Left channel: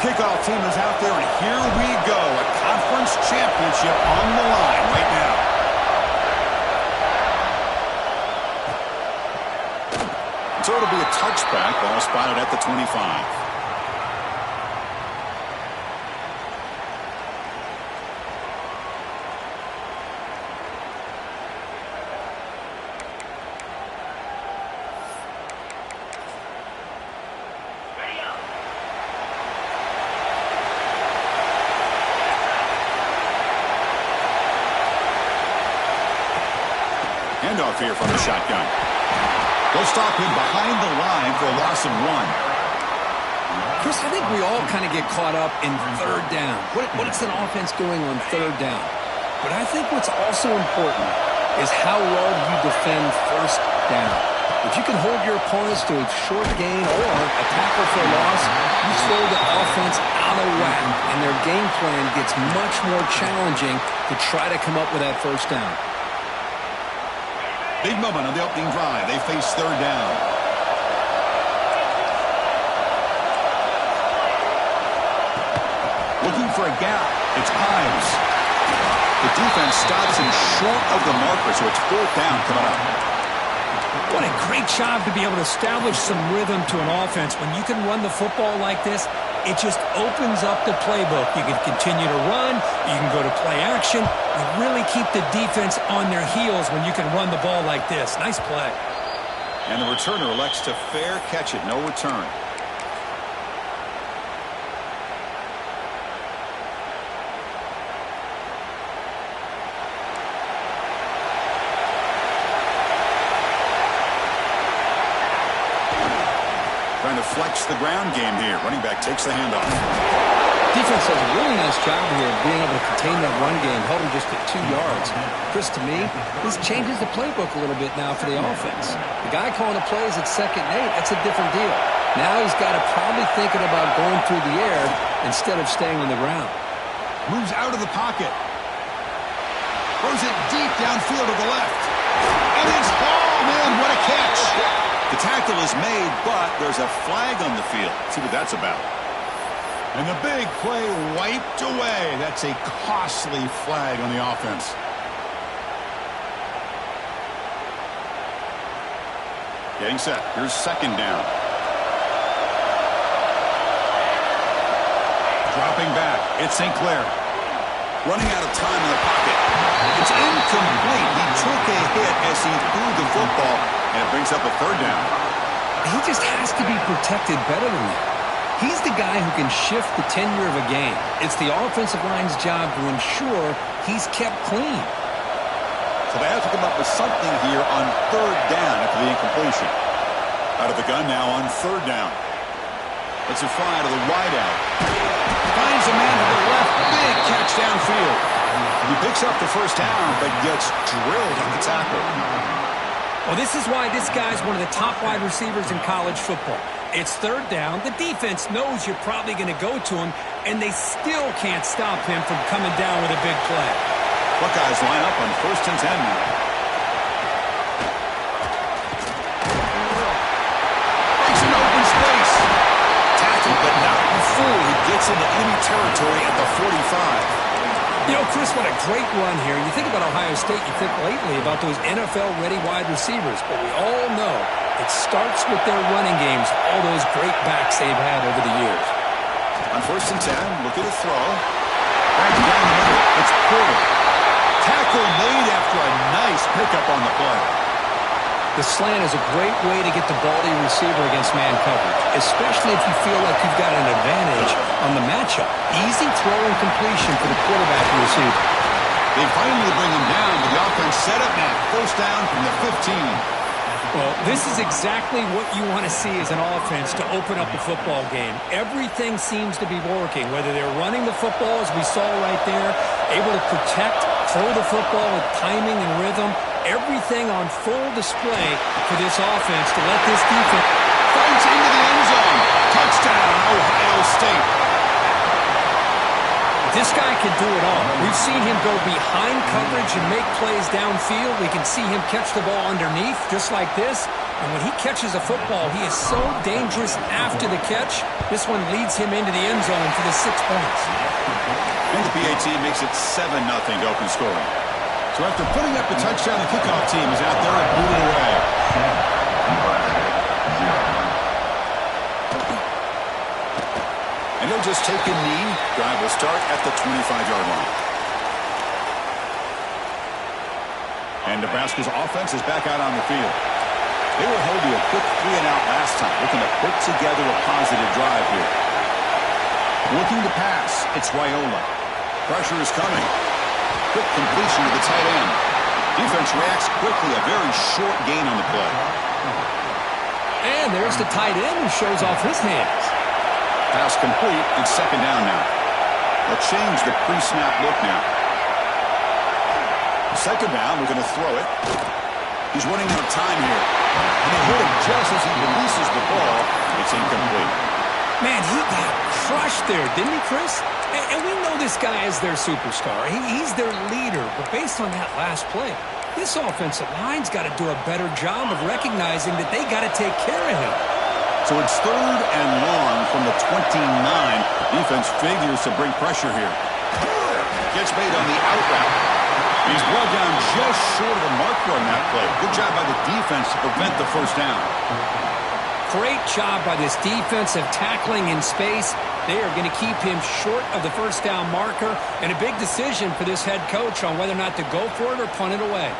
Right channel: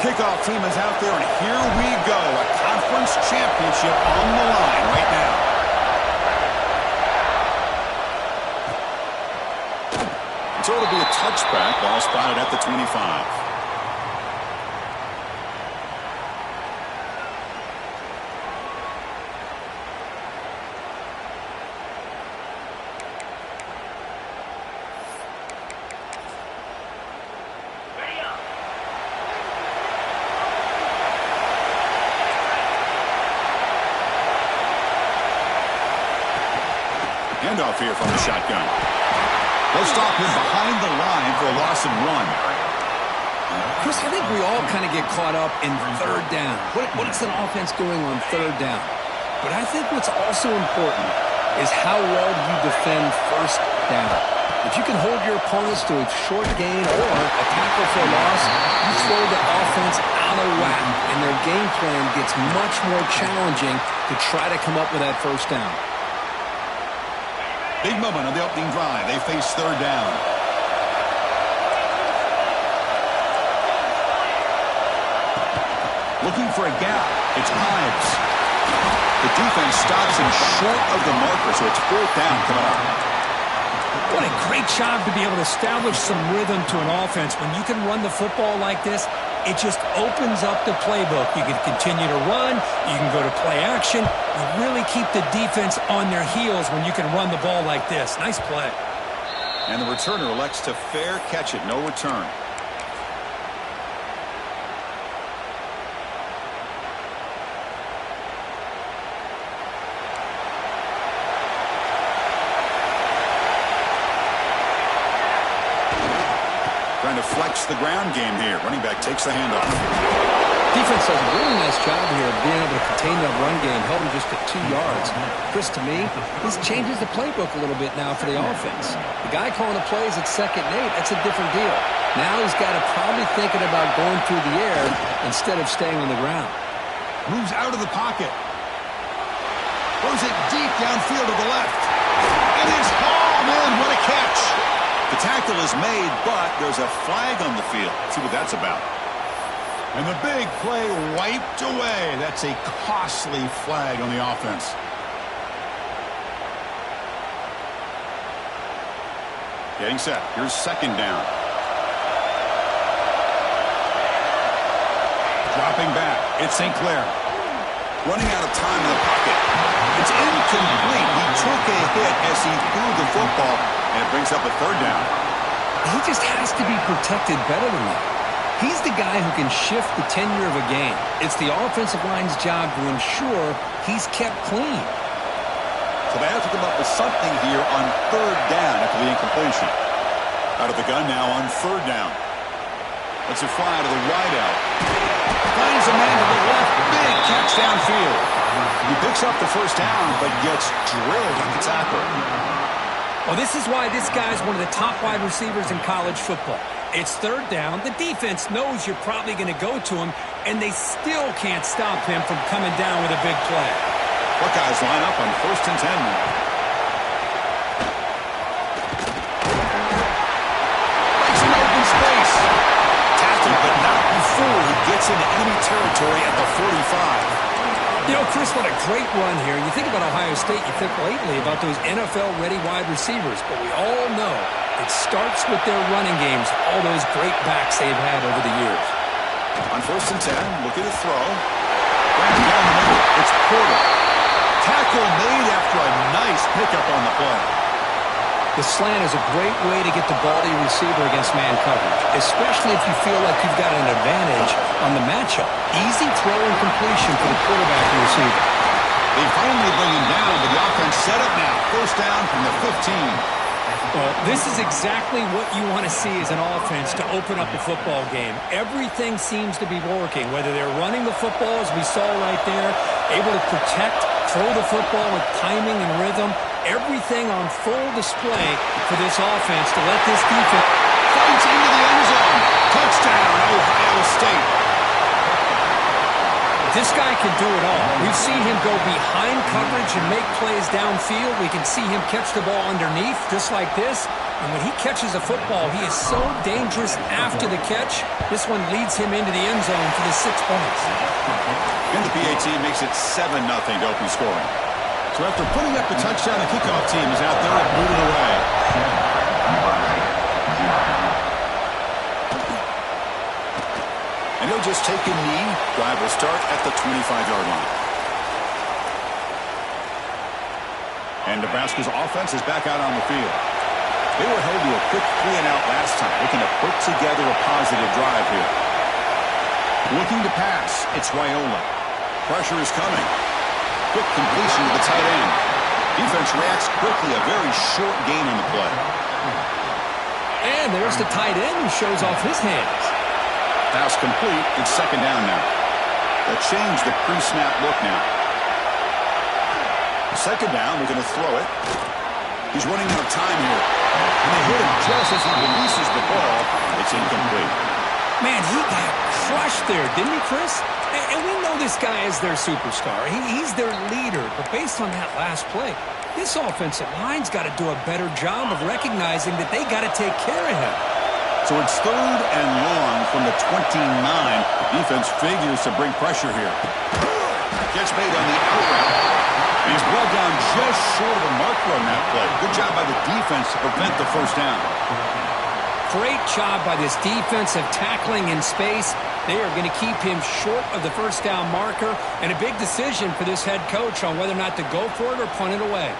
kickoff team is out there, and here we go. A conference championship on the line right now. So it'll be a touchback. Ball spotted at the 25. Handoff here from the shotgun. They'll stop him behind the line for a loss of 1. Chris, I think we all kind of get caught up in third down. What is an offense doing on third down? But I think what's also important is how well you defend first down. If you can hold your opponents to a short gain or a tackle for a loss, you throw the offense out of whack, and their game plan gets much more challenging to try to come up with that first down. Big moment on the opening drive. They face third down. Looking for a gap. It's Ives. The defense stops him short of the marker, so it's fourth down coming up. What a great job to be able to establish some rhythm to an offense. When you can run the football like this, it just opens up the playbook. You can continue to run. You can go to play action. You really keep the defense on their heels when you can run the ball like this. Nice play. And the returner elects to fair catch it. No return. Trying to flex the ground game here. Running back takes the handoff. Defense does a really nice job here of being able to contain that run game, held him just at 2 yards. Chris, to me, this changes the playbook a little bit now for the offense. The guy calling the plays at 2nd and 8, that's a different deal. Now he's got to probably thinking about going through the air instead of staying on the ground. Moves out of the pocket. Throws it deep downfield to the left. It is hauled in. What a catch. The tackle is made, but there's a flag on the field. Let's see what that's about. And the big play wiped away. That's a costly flag on the offense. Getting set. Here's second down. Dropping back. It's St. Clair. Running out of time in the pocket. It's incomplete. He took a hit as he threw the football, and it brings up a third down. He just has to be protected better than that. He's the guy who can shift the tenure of a game. It's the offensive line's job to ensure he's kept clean. So they have to come up with something here on third down after the incompletion. Out of the gun now on third down. Lets it fly to the wideout. Finds a man to the left. Big catch downfield. He picks up the first down, but gets drilled on the tackle. Well, this is why this guy's one of the top wide receivers in college football. It's third down. The defense knows you're probably going to go to him, and they still can't stop him from coming down with a big play. Buckeyes line up on 1st and 10 now. Breaks an open space. Tackled, but not before he gets into enemy territory at the 45. You know, Chris, what a great run here. You think about Ohio State, you think lately about those NFL-ready wide receivers, but we all know it starts with their running games, all those great backs they've had over the years. On 1st and 10, look at the throw. Ran down the middle. It's Porter. Tackle made after a nice pickup on the play. The slant is a great way to get the ball to your receiver against man coverage, especially if you feel like you've got an advantage on the matchup. Easy throw and completion for the quarterback and receiver. They finally bring him down, but the offense set up now. First down from the 15. Well, this is exactly what you want to see as an offense to open up a football game. Everything seems to be working, whether they're running the football, as we saw right there, able to protect, throw the football with timing and rhythm. Everything on full display for this offense to let this defense fights into the end zone. Touchdown, Ohio State. This guy can do it all. We've seen him go behind coverage and make plays downfield. We can see him catch the ball underneath, just like this. And when he catches a football, he is so dangerous after the catch. This one leads him into the end zone for the 6 points. And the PAT makes it 7-0 to open scoring. So after putting up the touchdown, the kickoff team is out there and booted away. And he'll just take a knee. Drive will start at the 25-yard line. And Nebraska's offense is back out on the field. They were held to a quick 3-and-out last time, looking to put together a positive drive here. Looking to pass, it's Raiola. Pressure is coming. Quick completion to the tight end. Defense reacts quickly, a very short gain on the play. And there's the tight end who shows off his hands. Pass complete. It's 2nd down now. They'll change the pre-snap look now. 2nd down, we're going to throw it. He's running out of time here. And they hit him just as he releases the ball. It's incomplete. Man, he got crushed there, didn't he, Chris? And we know this guy is their superstar. He's their leader. But based on that last play, this offensive line's got to do a better job of recognizing that they got to take care of him. So it's 3rd and long from the 29. Defense figures to bring pressure here. Catch made on the out route. And he's brought down just short of the marker on that play. Good job by the defense to prevent the 1st down. Great job by this defensive tackling in space. They are going to keep him short of the 1st down marker. And a big decision for this head coach on whether or not to go for it or punt it away.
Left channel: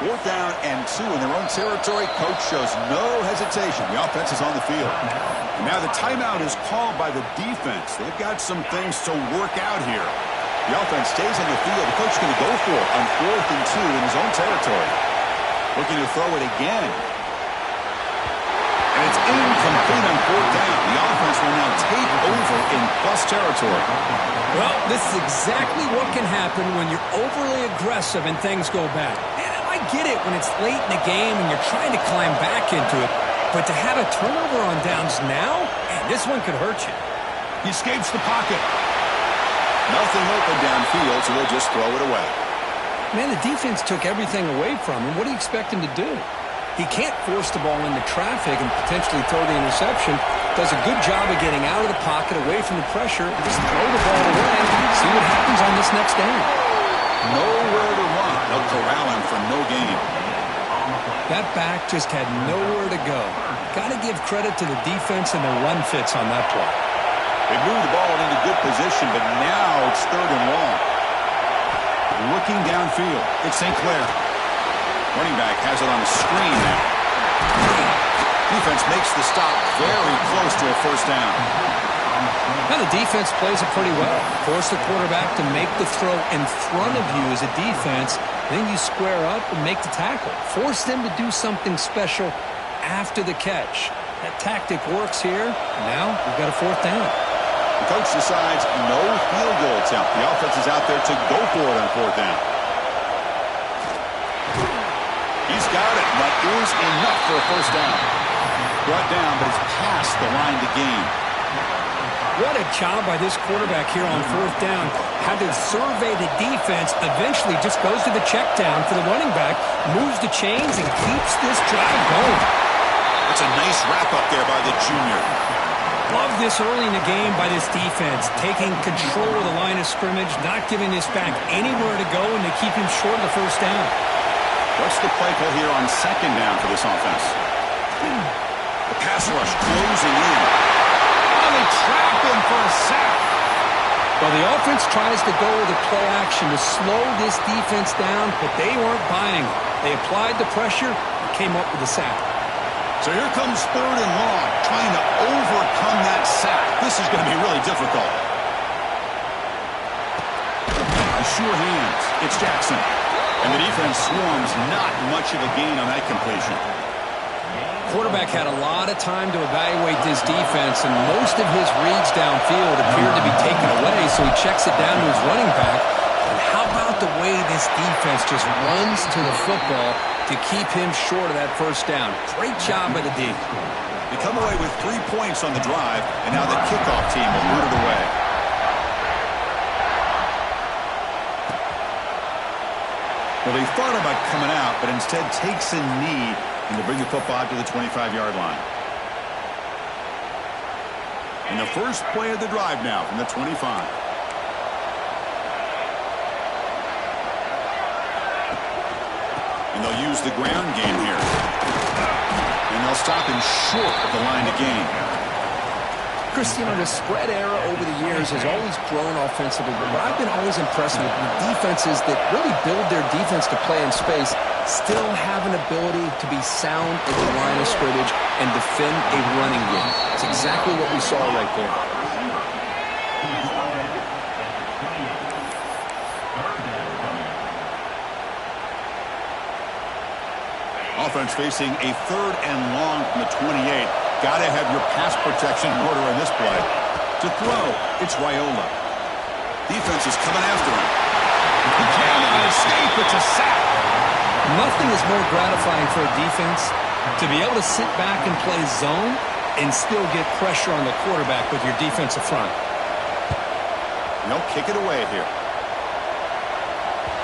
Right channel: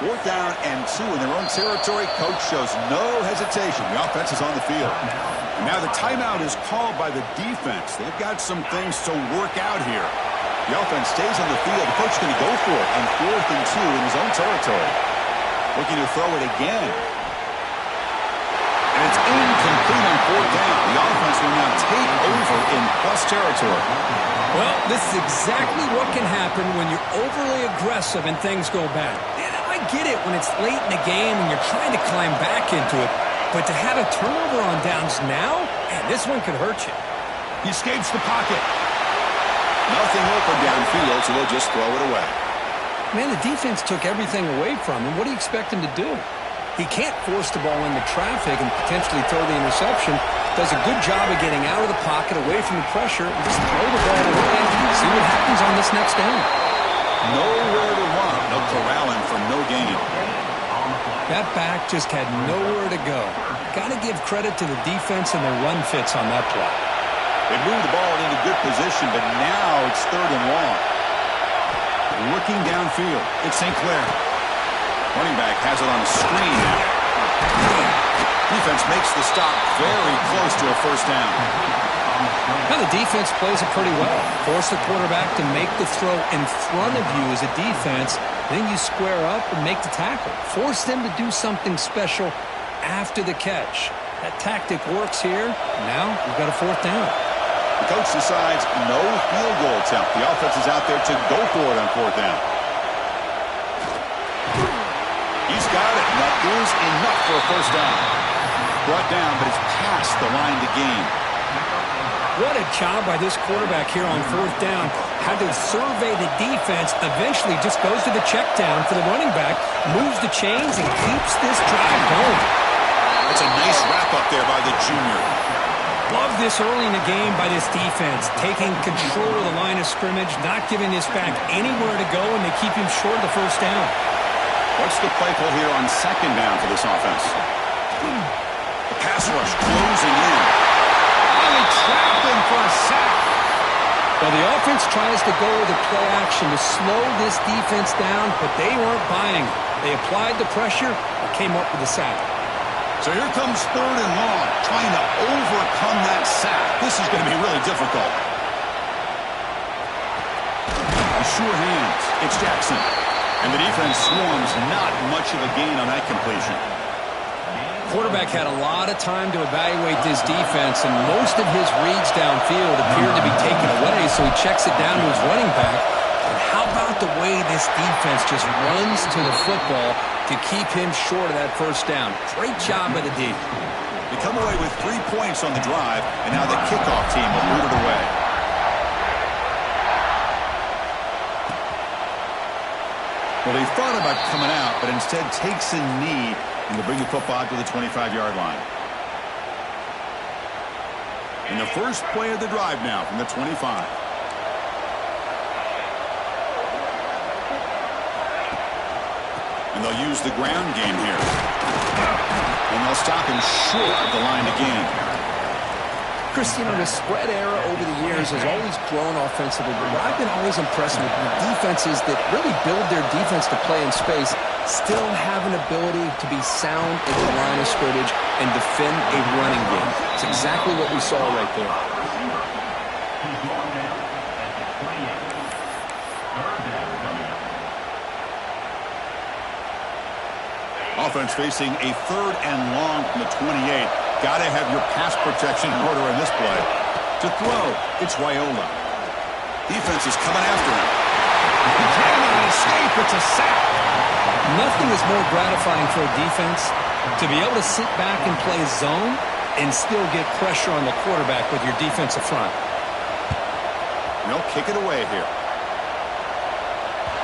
4th down and 2 in their own territory. Coach shows no hesitation. The offense is on the field. And now the timeout is called by the defense. They've got some things to work out here. The offense stays on the field. The coach is going to go for it on 4th and 2 in his own territory. Looking to throw it again. And it's incomplete on 4th down. The offense will now take over in plus territory. Well, this is exactly what can happen when you're overly aggressive and things go bad. And I get it when it's late in the game and you're trying to climb back into it. But to have a turnover on downs now, man, this one could hurt you. He escapes the pocket. Nothing open downfield, so they'll just throw it away. Man, the defense took everything away from him. What do you expect him to do? He can't force the ball into traffic and potentially throw the interception. Does a good job of getting out of the pocket, away from the pressure, and just throw the ball away. See what happens on this next down. Nowhere to run. They'll corral him for no gain. That back just had nowhere to go. Got to give credit to the defense and their run fits on that play. They moved the ball into good position, but now it's 3rd and long. Looking downfield, it's St. Clair. Running back has it on a screen now. Defense makes the stop very close to a 1st down. Now the defense plays it pretty well. Force the quarterback to make the throw in front of you as a defense. Then you square up and make the tackle. Force them to do something special after the catch. That tactic works here. Now we've got a 4th down. The coach decides no field goal attempt. The offense is out there to go for it on 4th down. He's got it, and that is enough for a 1st down. Brought down, but it's past the line to gain. What a job by this quarterback here on 4th down. Had to survey the defense, eventually just goes to the check down for the running back, moves the chains, and keeps this drive going. That's a nice wrap-up there by the junior. Love this early in the game by this defense, taking control of the line of scrimmage, not giving this back anywhere to go, and they keep him short of the 1st down. What's the play call here on 2nd down for this offense? The pass rush closing in. Oh, they trap him for a sack. Well, the offense tries to go with a play action to slow this defense down, but they weren't buying it. They applied the pressure and came up with a sack. So here comes 3rd and long, trying to overcome that sack. This is going to be really difficult. The sure hands. It's Jackson. And the defense swarms, not much of a gain on that completion. Quarterback had a lot of time to evaluate this defense, and most of his reads downfield appeared to be taken away, so he checks it down to his running back. And how about the way this defense just runs to the football to keep him short of that 1st down? Great job by the D. They come away with 3 points on the drive, and now the kickoff team will boot it away. Well, he thought about coming out, but instead takes a knee and will bring the football out to the 25-yard line. And the first play of the drive now from the 25. And they'll use the ground game here. And they'll stop him short of the line to gain. Chris, you know, the spread era over the years has always grown offensively, but what I've been always impressed with defenses that really build their defense to play in space still have an ability to be sound at the line of scrimmage and defend a running game. It's exactly what we saw right there. Offense facing a 3rd and long from the 28. Got to have your pass protection in order in this play. To throw, it's Raiola. Defense is coming after him. He cannot escape. It's a sack. Nothing is more gratifying for a defense to be able to sit back and play zone and still get pressure on the quarterback with your defensive front. They'll kick it away here.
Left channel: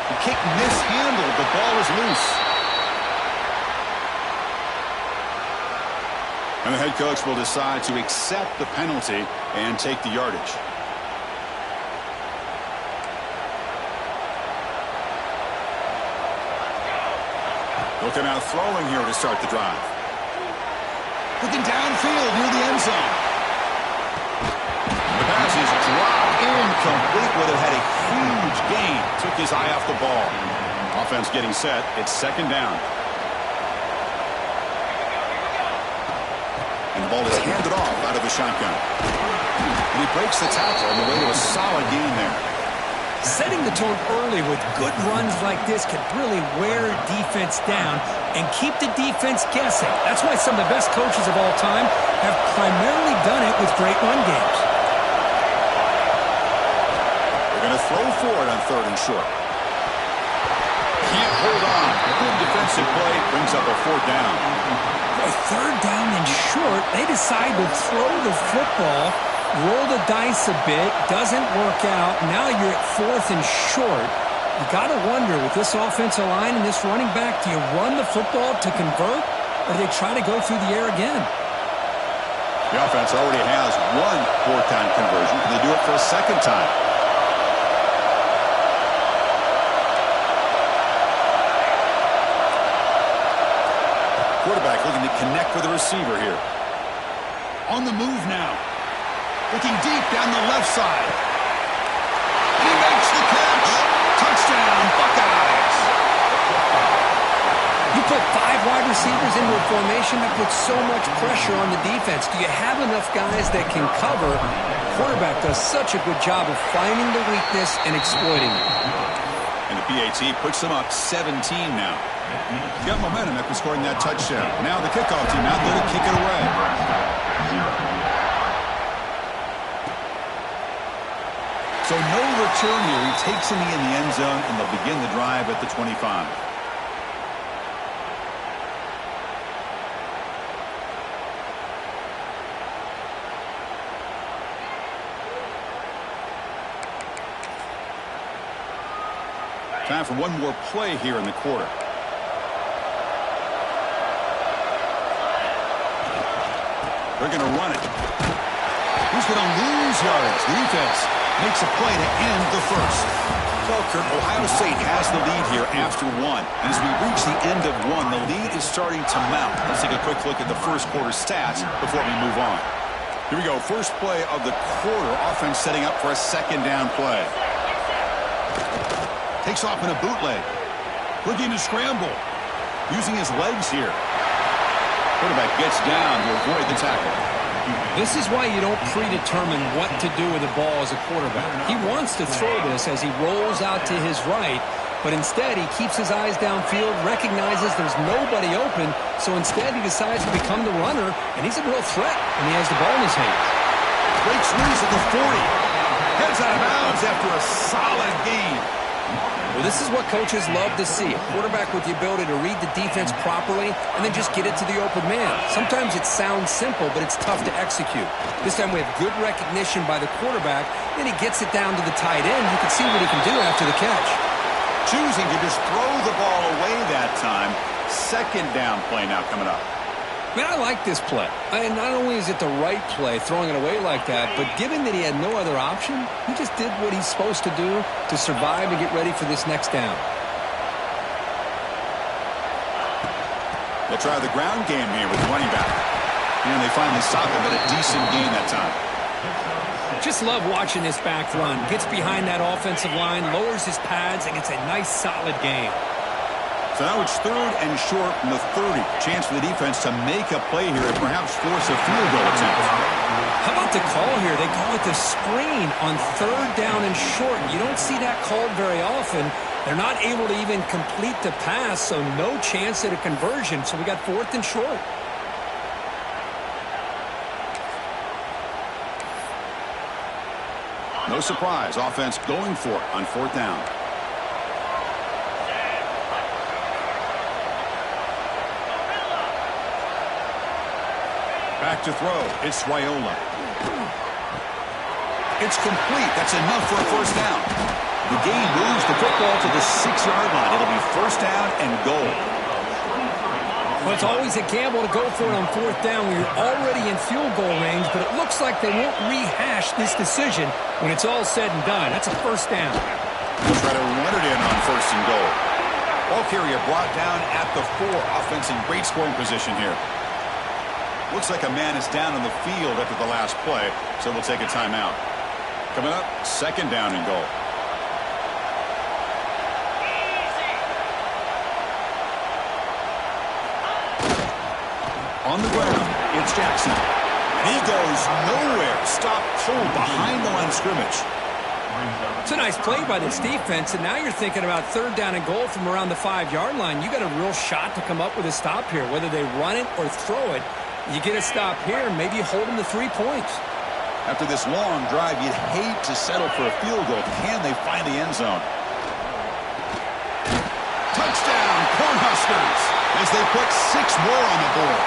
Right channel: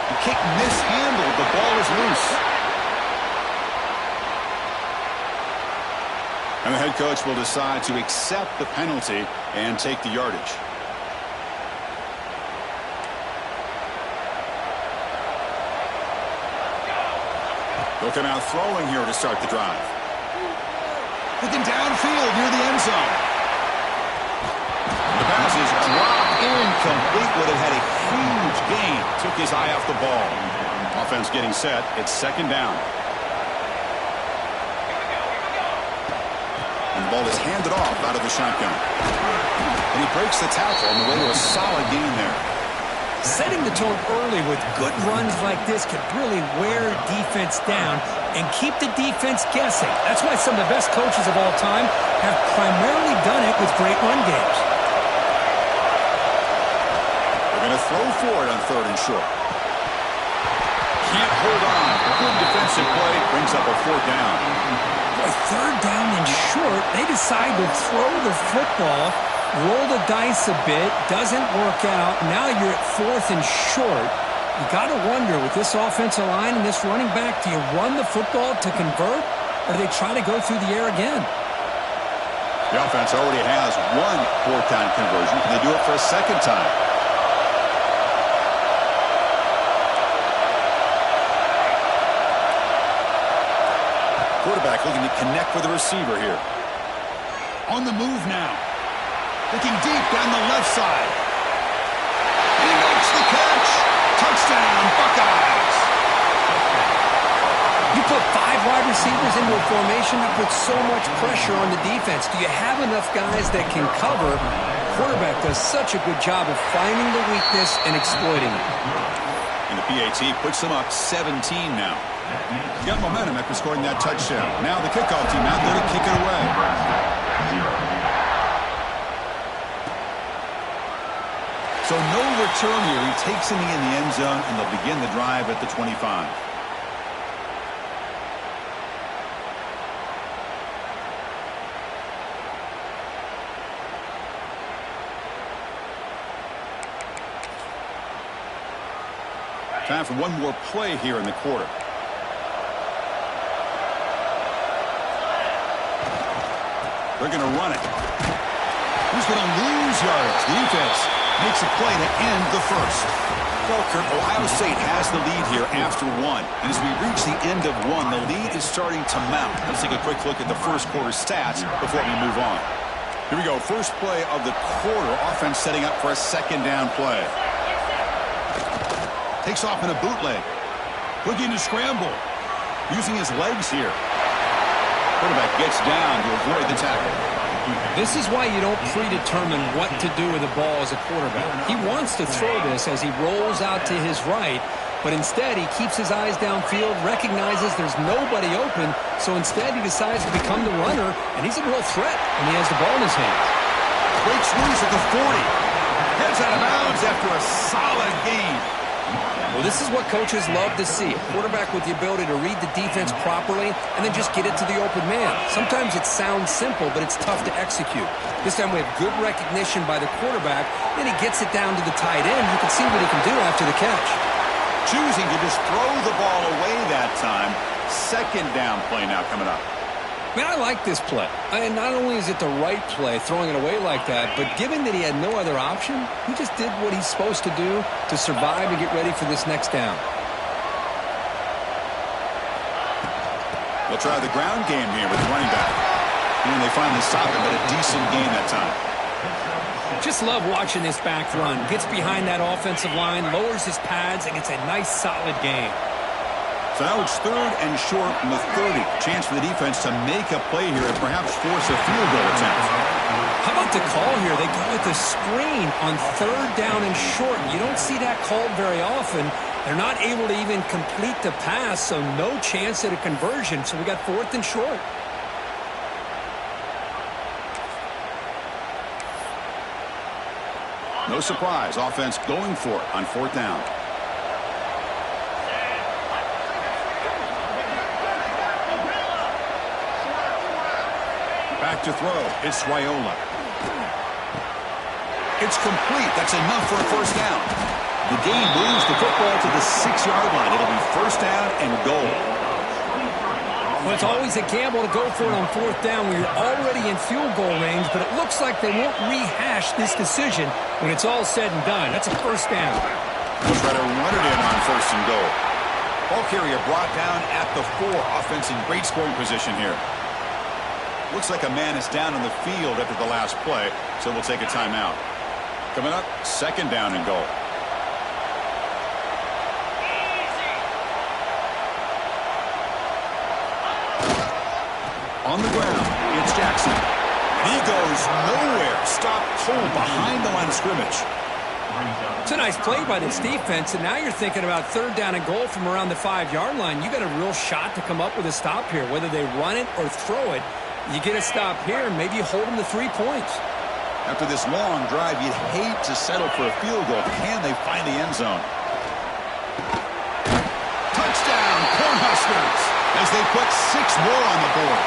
The kick mishandled. The ball is loose. And the head coach will decide to accept the penalty and take the yardage. They'll come out throwing here to start the drive. Looking downfield near the end zone. The pass is dropped incomplete. Would have had a huge gain. Took his eye off the ball. Offense getting set. It's 2nd down. And the ball is handed off out of the shotgun. And he breaks the tackle on the way to a solid gain there. Setting the tone early with good runs like this can really wear a defense down and keep the defense guessing. That's why some of the best coaches of all time have primarily done it with great run games. They're going to throw for it on 3rd and short. Can't hold on. Good defensive play. Brings up a 4th down. Boy, 3rd down and short. They decide to throw the football. Roll the dice a bit, doesn't work out. Now you're at 4th and short. You got to wonder, with this offensive line and this running back, do you run the football to convert, or do they try to go through the air again? The offense already has 1 4th down conversion. Can they do it for a 2nd time? Quarterback looking to connect with the receiver here. On the move now. Looking deep down the left side. And he makes the catch. Touchdown, Buckeyes. You put 5 wide receivers into a formation that puts so much pressure on the defense. Do you have enough guys that can cover? Quarterback does such a good job of finding the weakness and exploiting it. And the PAT puts them up 17 now. Got momentum after scoring that touchdown. Now the kickoff team out there to kick it away. So no return here. He takes a knee in the end zone, and they'll begin the drive at the 25. Time for one more play here in the quarter. They're going to run it. He's going to lose yards. The defense makes a play to end the first. Well, Kurt, Ohio State has the lead here after 1. And as we reach the end of 1, the lead is starting to mount. Let's take a quick look at the first quarter stats before we move on. Here we go. First play of the quarter. Offense setting up for a 2nd down play. Takes off in a bootleg. Looking to scramble. Using his legs here. Quarterback gets down to avoid the tackle. This is why you don't predetermine what to do with the ball as a quarterback. He wants to throw this as he rolls out to his right, but instead he keeps his eyes downfield, recognizes there's nobody open, so instead he decides to become the runner, and he's a real threat when he has the ball in his hands. Breaks loose at the 40. Heads out of bounds after a solid gain. Well, this is what coaches love to see. A quarterback with the ability to read the defense properly and then just get it to the open man. Sometimes it sounds simple, but it's tough to execute. This time we have good recognition by the quarterback. Then he gets it down to the tight end. You can see what he can do after the catch. choosing to just throw the ball away that time. Second down play now coming up. Man, I like this play. And not only is it the right play, throwing it away like that, but given that he had no other option, he just did what he's supposed to do to survive and get ready for this next down. They'll try the ground game here with the running back. And they finally stop him, but a decent gain that time. Just love watching this back run. Gets behind that offensive line, lowers his pads, and gets a nice solid gain. So now it's 3rd and short from the 30. Chance for the defense to make a play here and perhaps force a field goal attempt. How about the call here? They go with the screen on 3rd down and short. You don't see that called very often. They're not able to even complete the pass, so no chance at a conversion. So we got 4th and short. No surprise, offense going for it on 4th down. Back to throw. It's Raiola. It's complete. That's enough for a first down. The game moves the football to the 6-yard line. It'll be first down and goal. Well, it's always a gamble to go for it on 4th down when you're already in field goal range, but it looks like they won't rehash this decision when it's all said and done. That's a first down. They'll try to run it in on 1st and goal. Ball carrier brought down at the 4. Offense in great scoring position here. Looks like a man is down on the field after the last play, so we'll take a timeout. Coming up, 2nd down and goal. On the ground, it's Jackson. And he goes nowhere. Stop cold behind the line of scrimmage. It's a nice play by this defense, and now you're thinking about 3rd down and goal from around the 5-yard line. You got a real shot to come up with a stop here. Whether they run it or throw it, you get a stop here, maybe you hold them to 3 points. After this long drive, you'd hate to settle for a field goal. Can they find the end zone? Touchdown, Cornhuskers, as they put 6 more on the board.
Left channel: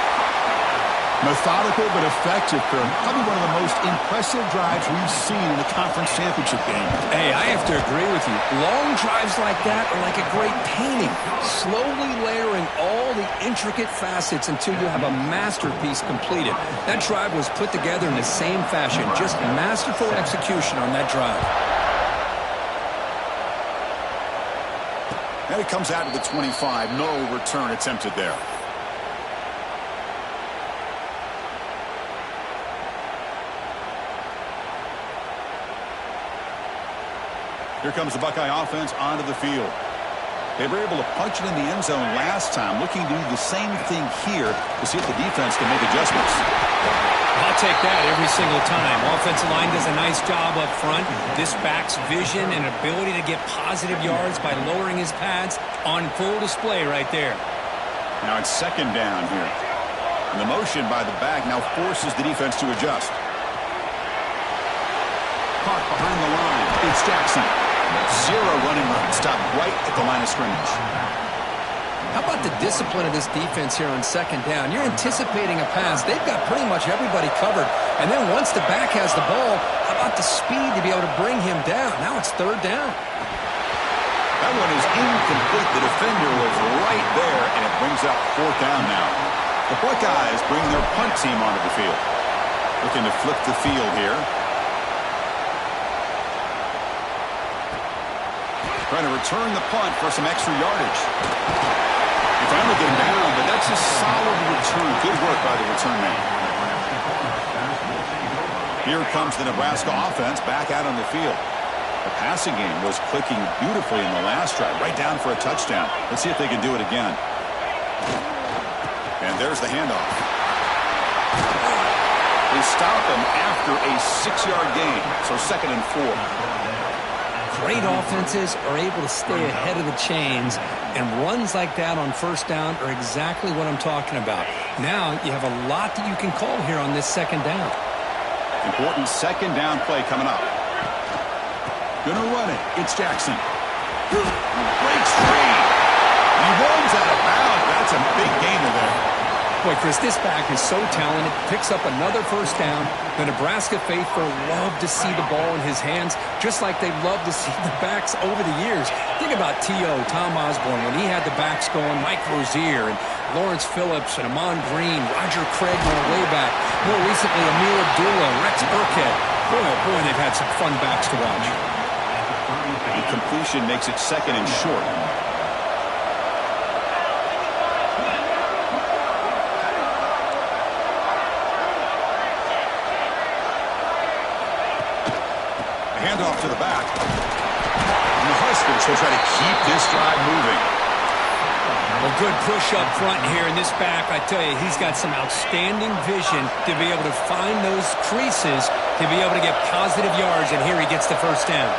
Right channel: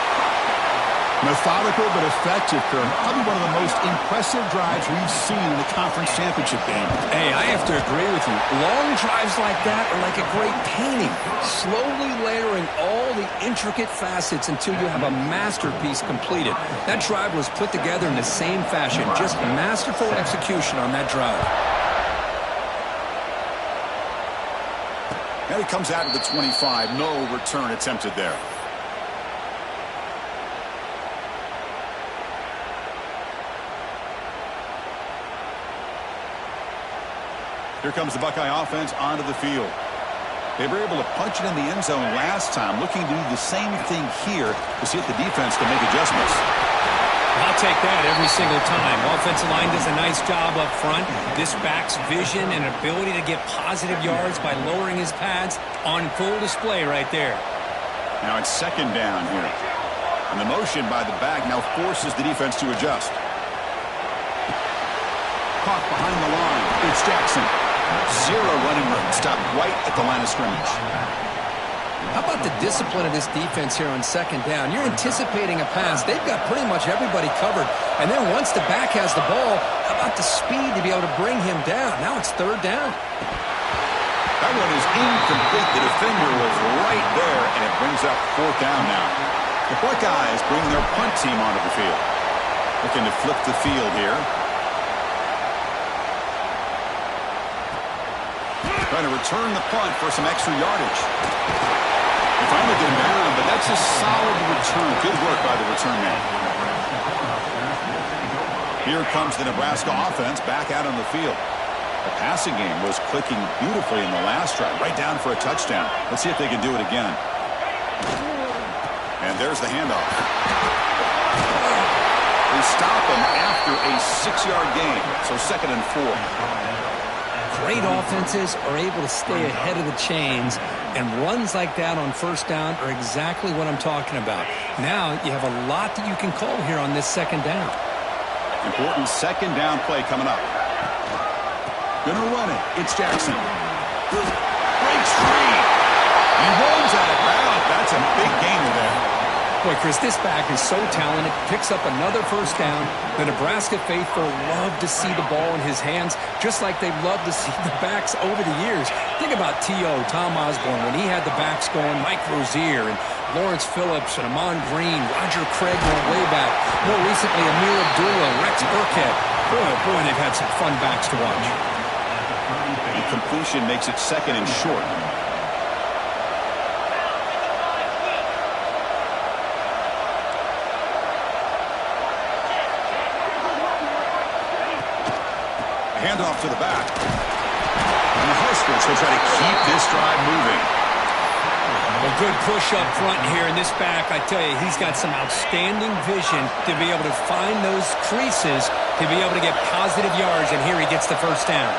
Methodical but effective, Kirk. Probably one of the most impressive drives we've seen in a conference championship game. Hey, I have to agree with you. Long drives like that are like a great painting. Slowly layering all the intricate facets until you have a masterpiece completed. That drive was put together in the same fashion. Just masterful execution on that drive. And it comes out to the 25. No return attempted there. Here comes the Buckeye offense onto the field. They were able to punch it in the end zone last time, looking to do the same thing here to see if the defense can make adjustments. I'll take that every single time. Offensive line does a nice job up front. This back's vision and ability to get positive yards by lowering his pads on full display right there. Now it's 2nd down here. And the motion by the back now forces the defense to adjust. Caught behind the line. It's Jackson. 0 running room. Stopped right at the line of scrimmage. How about the discipline of this defense here on 2nd down? You're anticipating a pass. They've got pretty much everybody covered. And then once the back has the ball, how about the speed to be able to bring him down? Now it's 3rd down. That one is incomplete. The defender was right there, and it brings up 4th down now. The Buckeyes bring their punt team onto the field. Looking to flip the field here. Trying to return the punt for some extra yardage. They finally get him down, but that's a solid return. Good work by the return man. Here comes the Nebraska offense back out on the field. The passing game was clicking beautifully in the last drive, right down for a touchdown. Let's see if they can do it again. And there's the handoff. They stop him after a 6-yard gain, so 2nd and 4. Great offenses are able to stay ahead of the chains, and runs like that on 1st down are exactly what I'm talking about. Now you have a lot that you can call here on this 2nd down. Important 2nd down play coming up. Gonna run it. It's Jackson. Breaks free. He rolls out of bounds. That's a big gainer there. Boy, Chris, this back is so talented. Picks up another first down. The Nebraska faithful love to see the ball in his hands, just like they love to see the backs over the years. Think about T.O., Tom Osborne, when he had the backs going, Mike Rozier and Lawrence Phillips and Amon Green, Roger Craig going way back. More recently, Amir Abdullah, Rex Burkhead. Boy, oh boy, they've had some fun backs to watch. The completion makes it 2nd and short. Handoff to the back. And the Huskers will try to keep this drive moving. Well, good push up front here in this back. I tell you, he's got some outstanding vision to be able to find those creases, to be able to get positive yards, and here he gets the first down.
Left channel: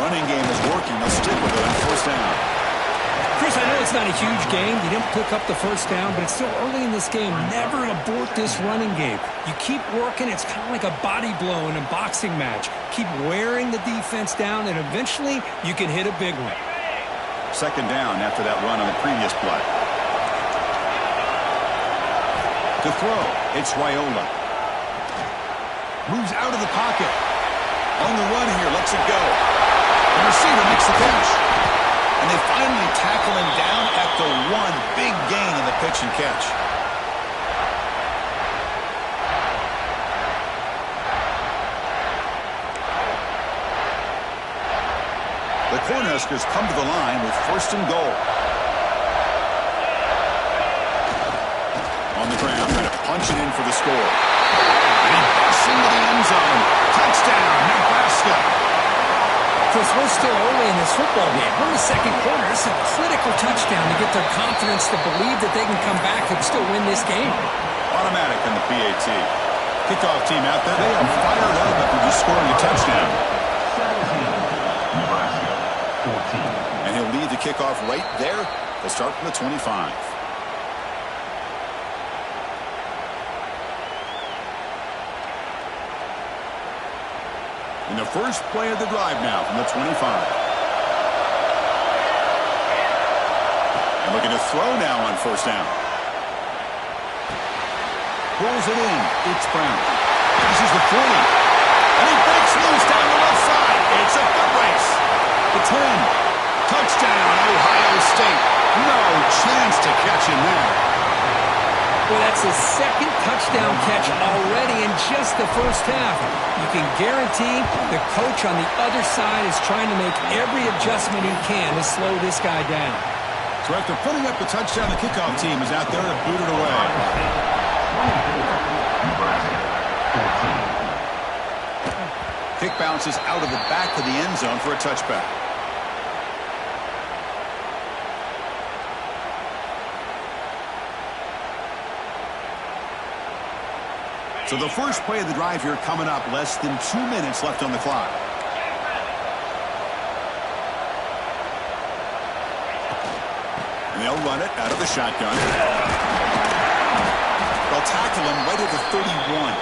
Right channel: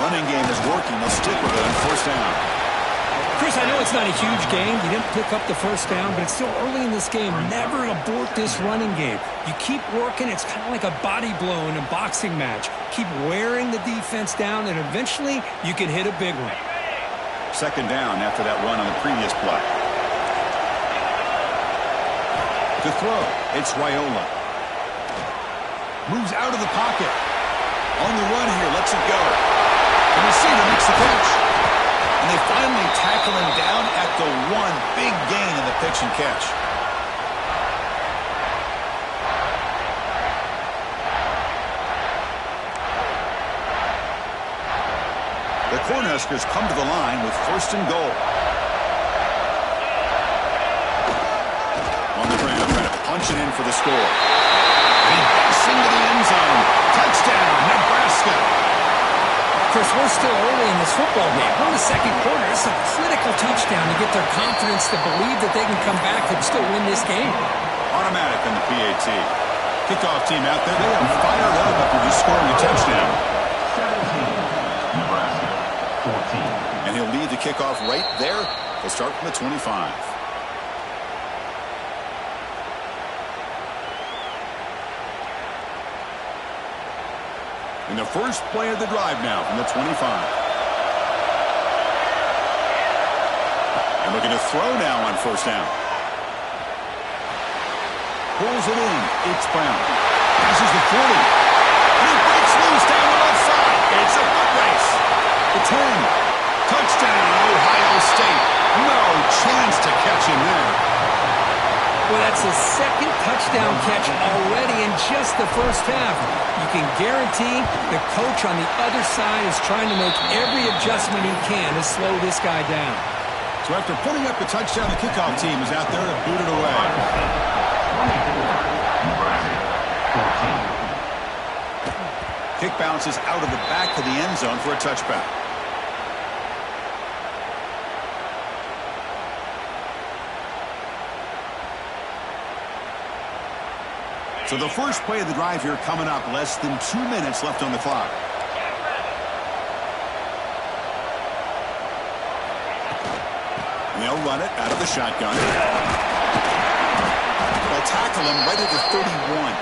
Running game is working. They'll stick with it on 1st down. Chris, I know it's not a huge game. You didn't pick up the first down, but it's still early in this game. Never abort this running game. You keep working. It's kind of like a body blow in a boxing match. Keep wearing the defense down, and eventually you can hit a big one. 2nd down after that run on the previous play. To throw, it's Raiola. Moves out of the pocket. On the run here, lets it go. The receiver makes the catch. And they finally tackle him down at the 1. Big gain in the pitch and catch. The Cornhuskers come to the line with 1st and goal. On the ground, trying to punch it in for the score. And he busts into the end zone. Touchdown, Nebraska. Chris, we're still early in this football game. We're in the 2nd quarter. It's a critical touchdown to get their confidence to believe that they can come back and still win this game. Automatic on the PAT. Kickoff team out there. They are fired up after just scoring a touchdown. 17, Nebraska, 14. And he'll lead the kickoff right there. They'll start from the 25. In the first play of the drive now from the 25. And looking to throw now on 1st down. Pulls it in. It's Brown. Passes the 40. And he breaks loose down the left side. It's a foot race. The 10. Touchdown, Ohio State. No chance to catch him there. Well, that's the 2nd touchdown catch already in just the first half. You can guarantee the coach on the other side is trying to make every adjustment he can to slow this guy down. So after putting up the touchdown, the kickoff team is out there to boot it away. 24, Nebraska, 14. Kick bounces out of the back of the end zone for a touchback. So the first play of the drive here coming up, less than 2 minutes left on the clock. And they'll run it out of the shotgun. They'll tackle him right at the 31.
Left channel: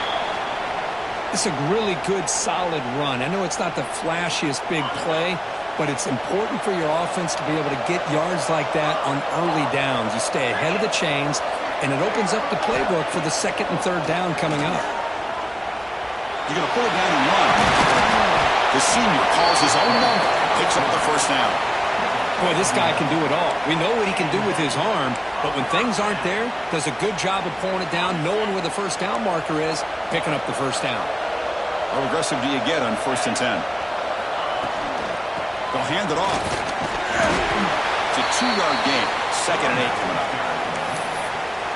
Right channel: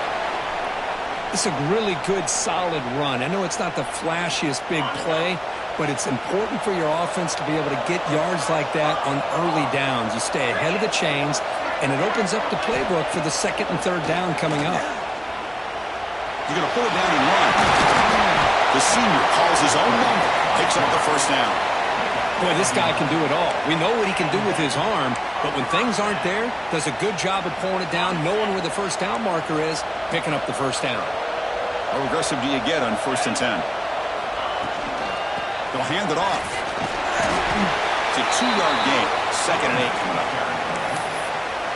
It's a really good, solid run. I know it's not the flashiest big play, but it's important for your offense to be able to get yards like that on early downs. You stay ahead of the chains, and it opens up the playbook for the 2nd and 3rd down coming up. You're going to pull it down and run. The senior calls his own number, picks up the 1st down. Boy, this guy can do it all. We know what he can do with his arm, but when things aren't there, does a good job of pulling it down, knowing where the 1st down marker is, picking up the 1st down. How aggressive do you get on 1st and 10? They'll hand it off. It's a 2-yard gain. 2nd and 8 coming up.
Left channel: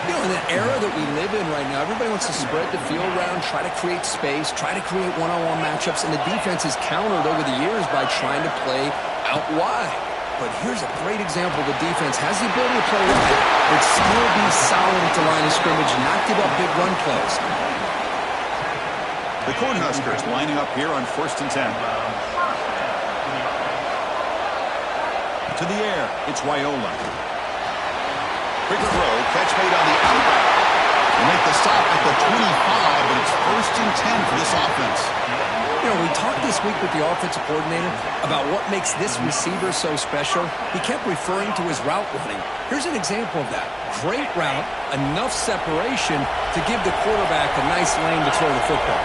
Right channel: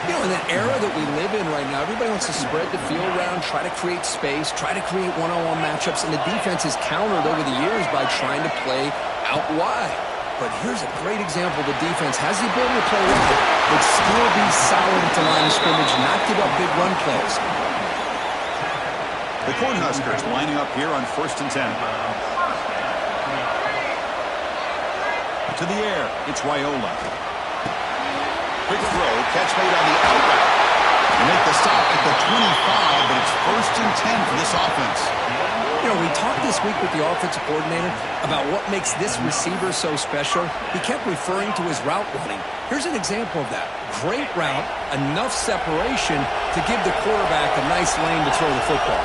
You know, in the era that we live in right now, everybody wants to spread the field around, try to create space, try to create one-on-one matchups, and the defense is countered over the years by trying to play out wide. But here's a great example. The defense has the ability to play wide, but still be solid at the line of scrimmage, not give up big run plays. The Cornhuskers lining up here on 1st and 10. To the air, it's Raiola. Quick throw, catch made on the out route. They make the stop at the 25, but it's 1st and 10 for this offense. You know, we talked this this week with the offensive coordinator about what makes this receiver so special? He kept referring to his route running. Here's an example of that. Great route, enough separation to give the quarterback a nice lane to throw the football.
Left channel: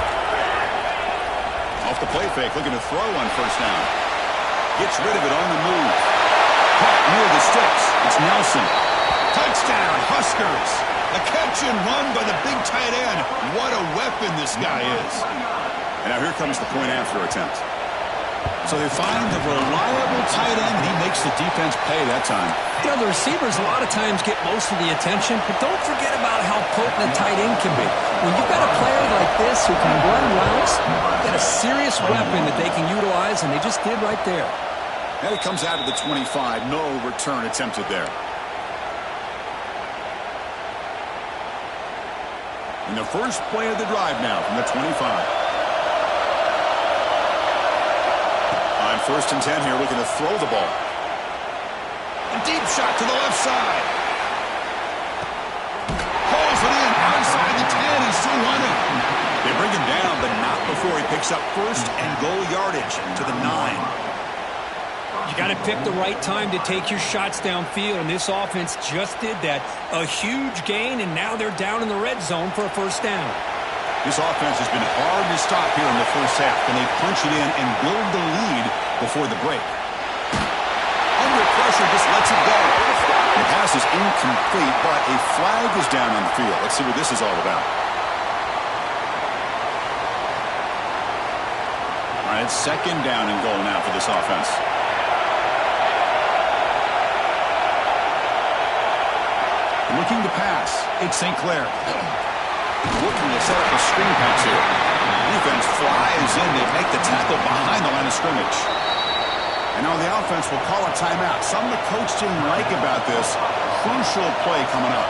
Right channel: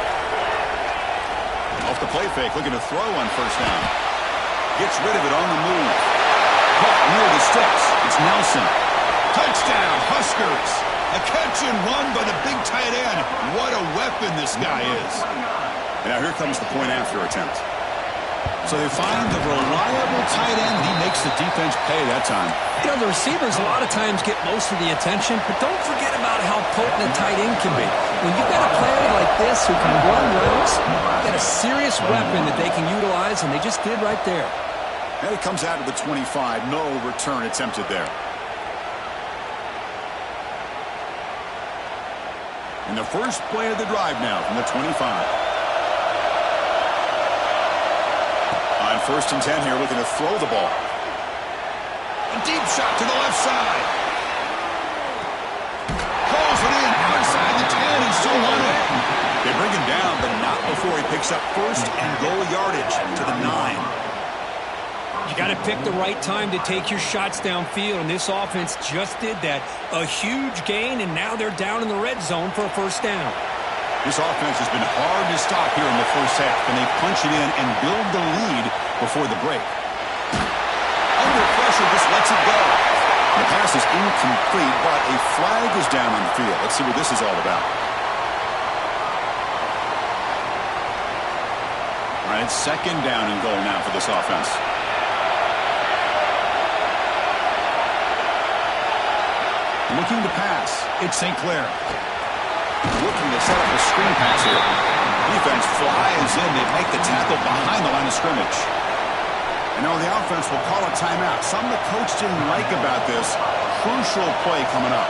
Off the play fake, looking to throw on first down. Gets rid of it on the move. Caught near the sticks. It's Nelson. Touchdown, Huskers. A catch and run by the big tight end. What a weapon this guy is. And now here comes the point after attempt. So they find the reliable tight end, and he makes the defense pay that time. You know, the receivers a lot of times get most of the attention, but don't forget about how potent a tight end can be. When you've got a player like this who can run routes, you've got a serious weapon that they can utilize, and they just did right there. And it comes out of the 25. No return attempted there. In the first play of the drive now from the 25. On first and 10 here, looking to throw the ball. A deep shot to the left side. Pulls it in outside the 10 and still running. They bring him down, but not before he picks up first and goal yardage to the 9. You got to pick the right time to take your shots downfield, and this offense just did that. A huge gain, and now they're down in the red zone for a first down. This offense has been hard to stop here in the first half. Can they punch it in and build the lead before the break? Under pressure, just lets it go. The pass is incomplete, but a flag is down on the field. Let's see what this is all about. All right, second down and goal now for this offense. Looking to pass. It's St. Clair. Looking to set up a screen pass here. Defense flies in. They make the tackle behind the line of scrimmage. And now the offense will call a timeout. Something the coach didn't like about this. Crucial play coming up.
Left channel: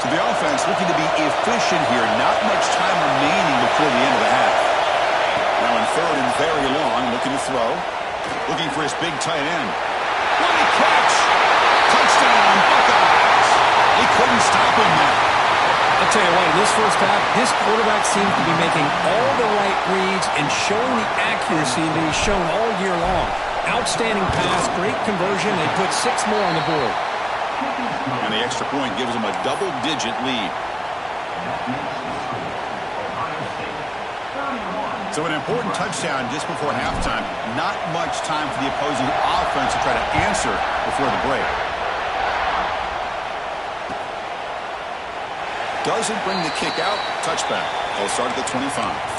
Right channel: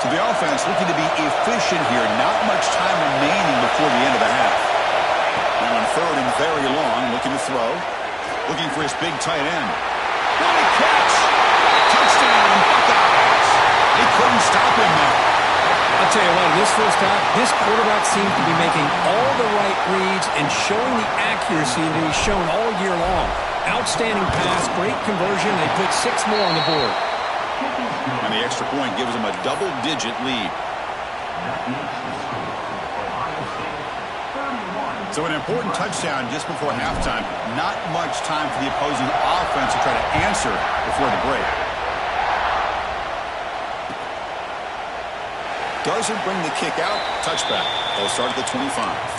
So the offense looking to be efficient here. Not much time remaining before the end of the half. Now in third and very long. Looking to throw. Looking for his big tight end. What a catch! Touchdown, Buckeyes! They couldn't stop him now. I'll tell you what, in this first half, this quarterback seems to be making all the right reads and showing the accuracy that he's shown all year long. Outstanding pass, great conversion. They put 6 more on the board. And the extra point gives them a double-digit lead. So an important touchdown just before halftime. Not much time for the opposing offense to try to answer before the break. Doesn't bring the kick out. Touchback. They'll start at the 25.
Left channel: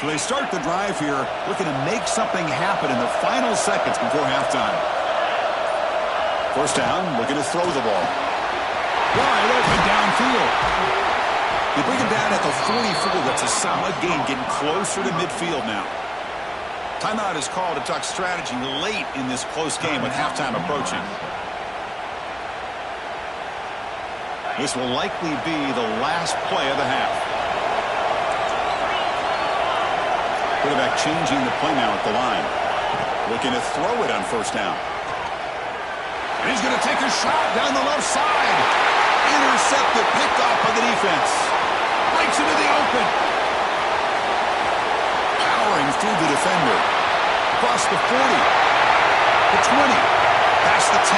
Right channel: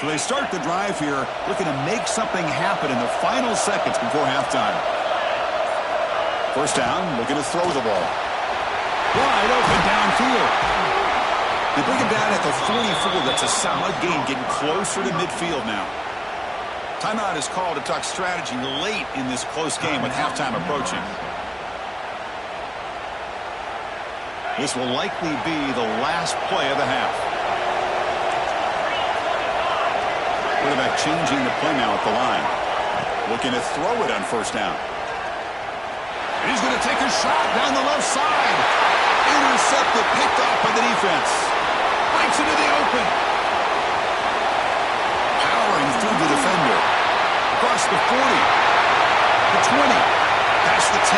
So they start the drive here, looking to make something happen in the final seconds before halftime. First down, looking to throw the ball. Wide open downfield. They bring him down at the 44. That's a solid gain, getting closer to midfield now. Timeout is called to talk strategy late in this close game with halftime approaching. This will likely be the last play of the half. Quarterback changing the play now at the line. Looking to throw it on first down. And he's going to take a shot down the left side. Intercepted, picked off by the defense. Breaks into the open. Powering through the defender. Across the 40. The 20. Past the 10.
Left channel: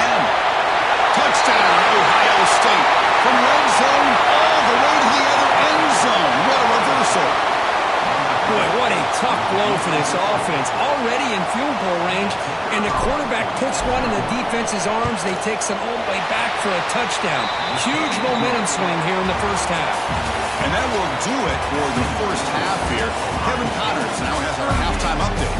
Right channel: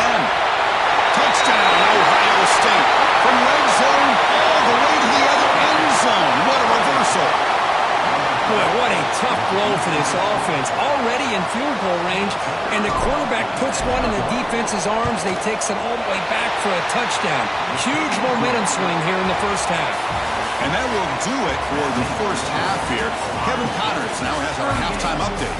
Touchdown, Ohio State. From red zone all the way to the other end zone. What a reversal. Boy, what a tough blow for this offense. Already in field goal range, and the quarterback puts one in the defense's arms. They takes it all the way back for a touchdown. Huge momentum swing here in the first half. And that will do it for the first half here. Kevin Connors now has our halftime update.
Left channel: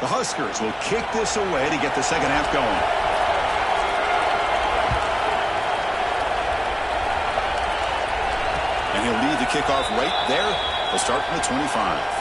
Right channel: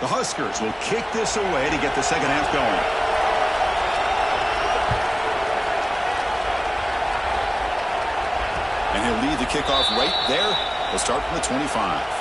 The Huskers will kick this away to get the second half going. And he'll lead the kickoff right there. He'll start from the 25.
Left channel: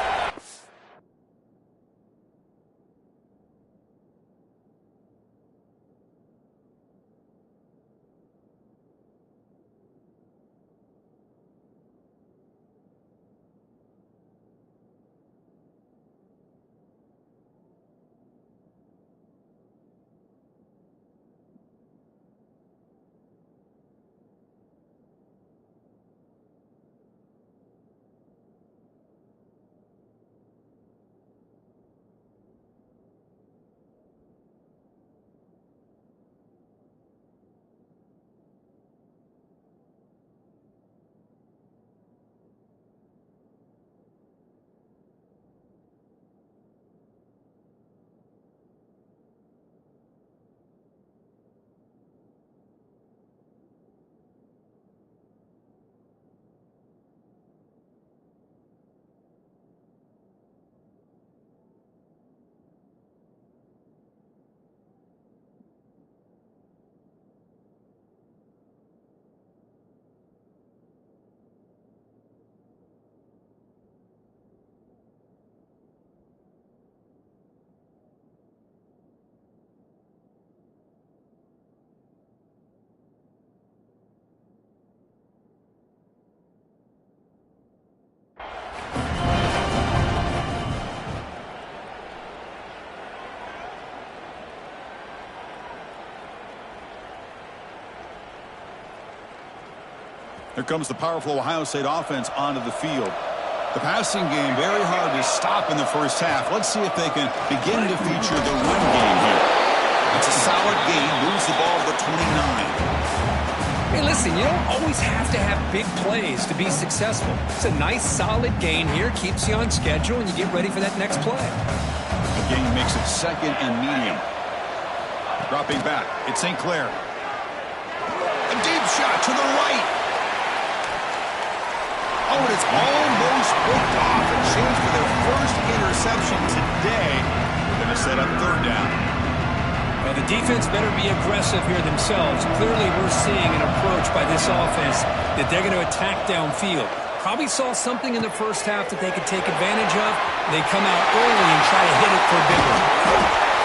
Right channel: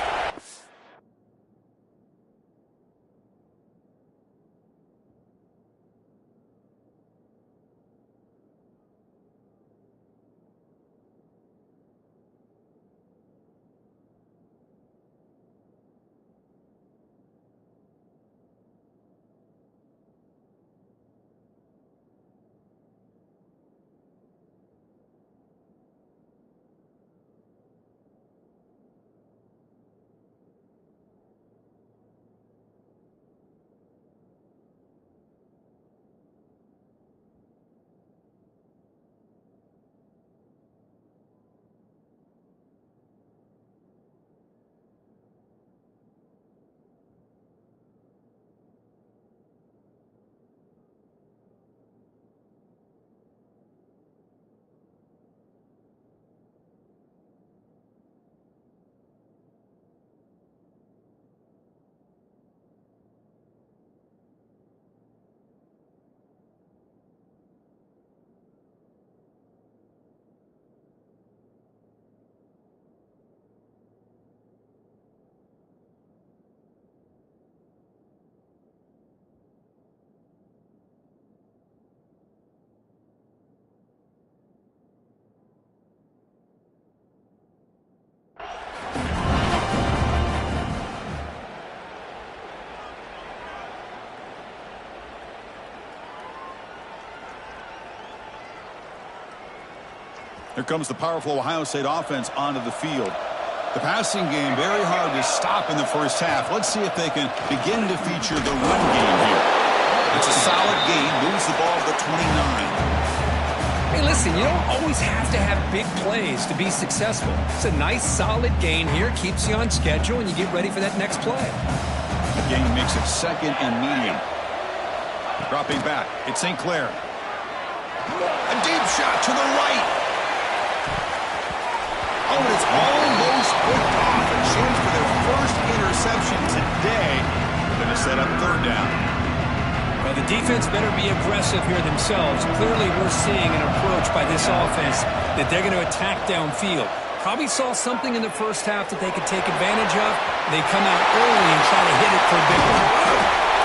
Here comes the powerful Ohio State offense onto the field. The passing game very hard to stop in the first half. Let's see if they can begin to feature the run game here. It's a solid gain. Moves the ball to the 29. Hey, listen, you don't always have to have big plays to be successful. It's a nice, solid gain here. Keeps you on schedule, and you get ready for that next play. The gain makes it second and medium. Dropping back. It's St. Clair. A deep shot to the right. Oh, and it's almost picked off. A chance for their first interception today. They're going to set up third down. Well, the defense better be aggressive here themselves. Clearly, we're seeing an approach by this offense that they're going to attack downfield. Probably saw something in the first half that they could take advantage of. They come out early and try to hit it for a big one.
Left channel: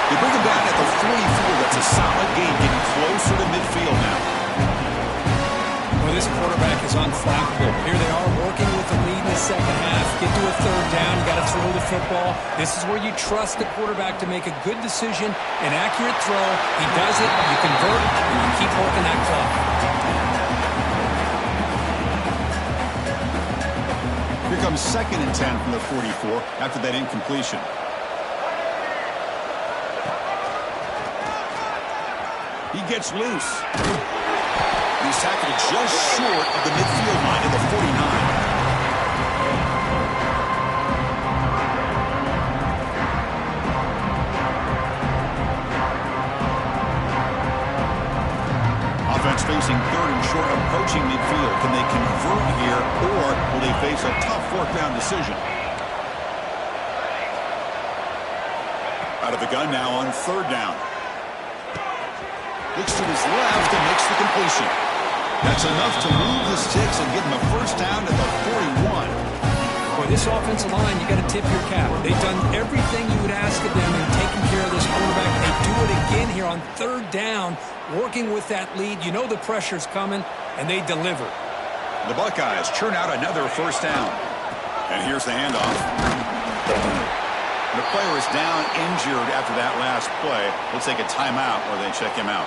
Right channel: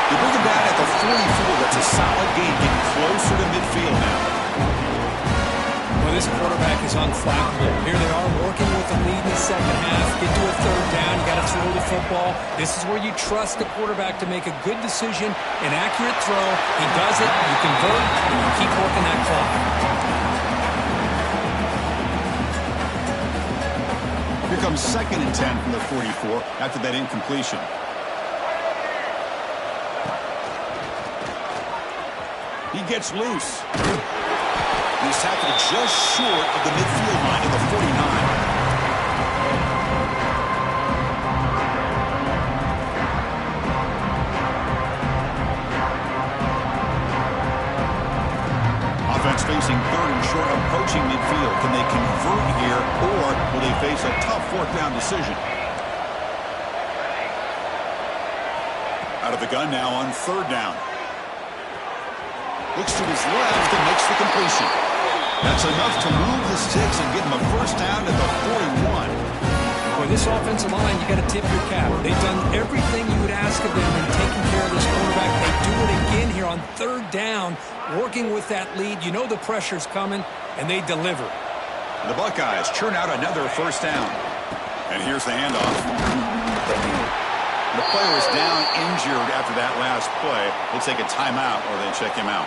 They bring him down at the 44. That's a solid gain, getting closer to midfield now. Well, this quarterback is unflappable. Here they are working with the lead in the second half. Get to a third down. You got to throw the football. This is where you trust the quarterback to make a good decision, an accurate throw. He does it. You convert, and you keep working that clock. Here comes second and 10 from the 44 after that incompletion. He gets loose. He's tackled just short of the midfield line of the 49. Offense facing third and short, approaching midfield. Can they convert here, or will they face a tough fourth down decision? Out of the gun now on third down. Looks to his left and makes the completion. That's enough to move the sticks and get him a first down at the 41. Boy, this offensive line, you got to tip your cap. They've done everything you would ask of them in taking care of this quarterback. They do it again here on third down, working with that lead. You know the pressure's coming, and they deliver. The Buckeyes churn out another first down. And here's the handoff. The player is down injured after that last play. We'll take a timeout or they check him out.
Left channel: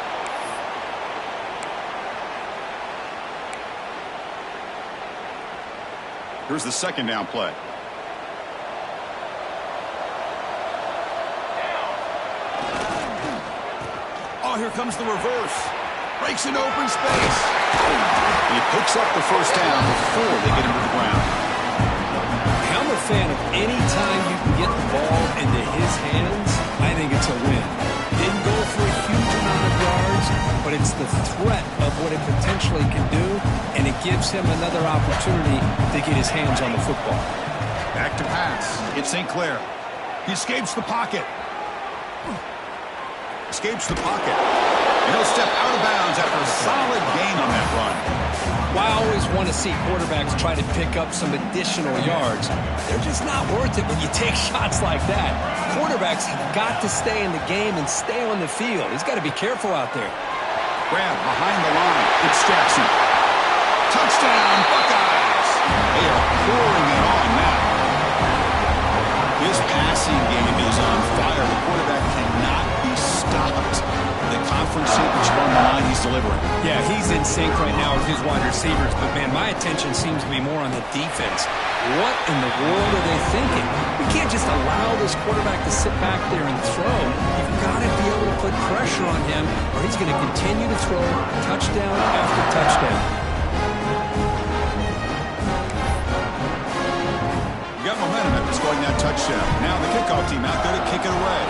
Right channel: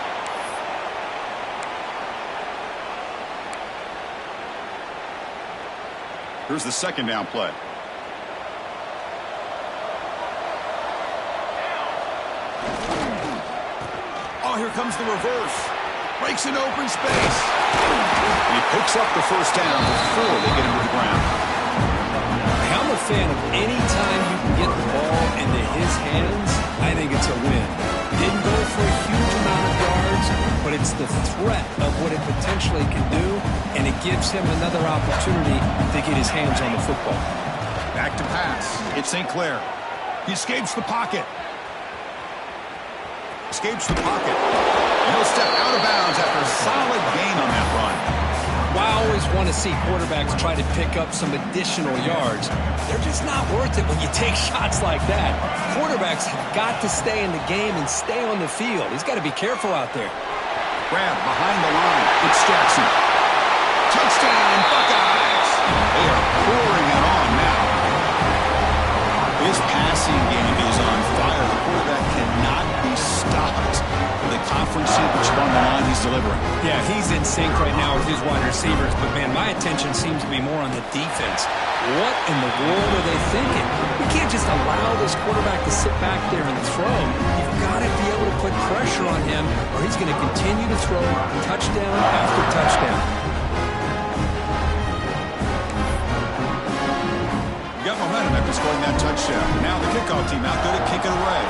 Here's the second down play. Oh, here comes the reverse. Breaks an open space. And he picks up the first down before they get him to the ground. I'm a fan of any time you can get the ball into his hands, I think it's a win. Didn't go for a huge amount of yards, but it's the threat of what it potentially can do, and it gives him another opportunity to get his hands on the football. Back to pass. It's St. Clair. He escapes the pocket. Escapes the pocket. And he'll step out of bounds after a solid gain on that run. Well, I always want to see quarterbacks try to pick up some additional yards. They're just not worth it when you take shots like that. Quarterbacks have got to stay in the game and stay on the field. He's got to be careful out there. Grab behind the line. It's Jackson. Touchdown, Buckeyes. They are pouring it on now. His passing game is on fire. The quarterback cannot be stopped. The conference championship on the line he's delivering. Yeah, he's in sync right now with his wide receivers, but, man, my attention seems to be more on the defense. What in the world are they thinking? We can't just allow this quarterback to sit back there and throw. You've got to be able to put pressure on him, or he's going to continue to throw touchdown after touchdown. Got momentum after scoring that touchdown. Now the kickoff team out there to kick it away.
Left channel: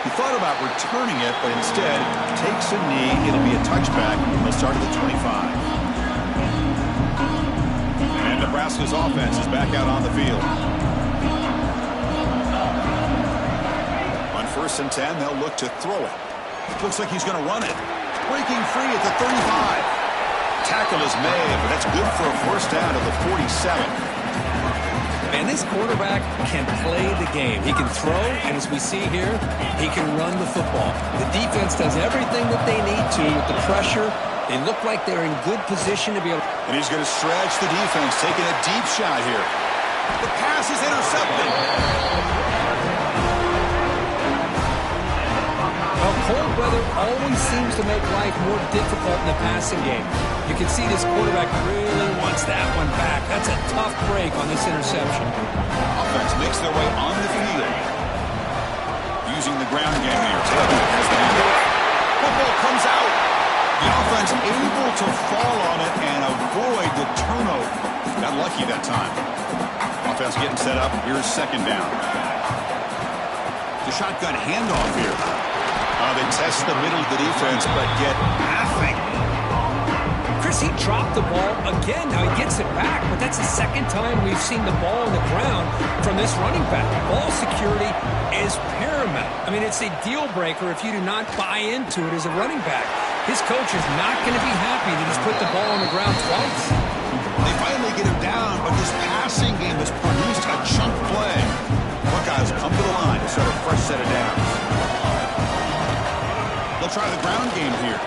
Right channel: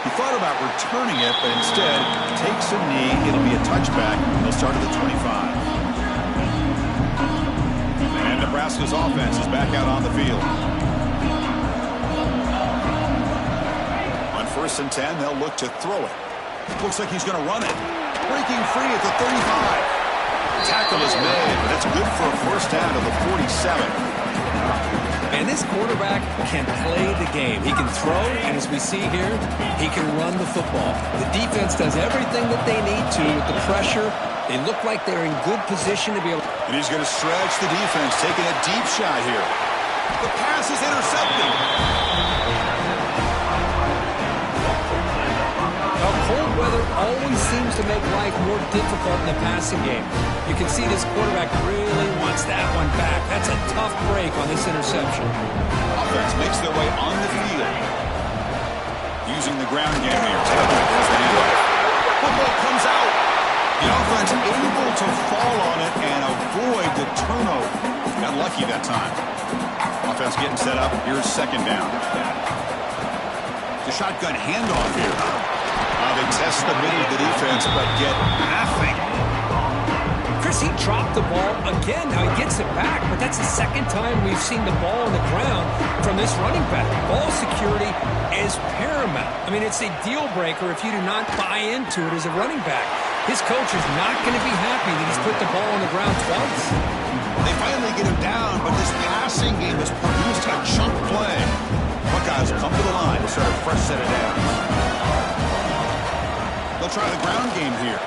He thought about returning it, but instead takes a knee. It'll be a touchback. They'll start at the 25. And Nebraska's offense is back out on the field. On 1st and 10, they'll look to throw it. Looks like he's going to run it. Breaking free at the 35. Tackle is made, but that's good for a first down to the 47. And this quarterback can play the game. He can throw, and as we see here, he can run the football. The defense does everything that they need to with the pressure. They look like they're in good position to be able to... And he's going to stretch the defense, taking a deep shot here. The pass is intercepted. Well, cold weather always seems to make life more difficult in the passing game. You can see this quarterback really wants that one back. That's a tough break on this interception. Offense makes their way on the field. Using the ground game here. Taylor has the handoff. Football comes out. The offense able to fall on it and avoid the turnover. Got lucky that time. Offense getting set up. Here's 2nd down. The shotgun handoff here. They test the middle of the defense, but get nothing. Chris, he dropped the ball again. Now he gets it back, but that's the 2nd time we've seen the ball on the ground from this running back. Ball security is paramount. I mean, it's a deal breaker if you do not buy into it as a running back. His coach is not going to be happy that he's put the ball on the ground twice. They finally get him down, but this passing game has produced a chunk play. Buckeyes come to the line to start a fresh set of downs. They'll try the ground game here.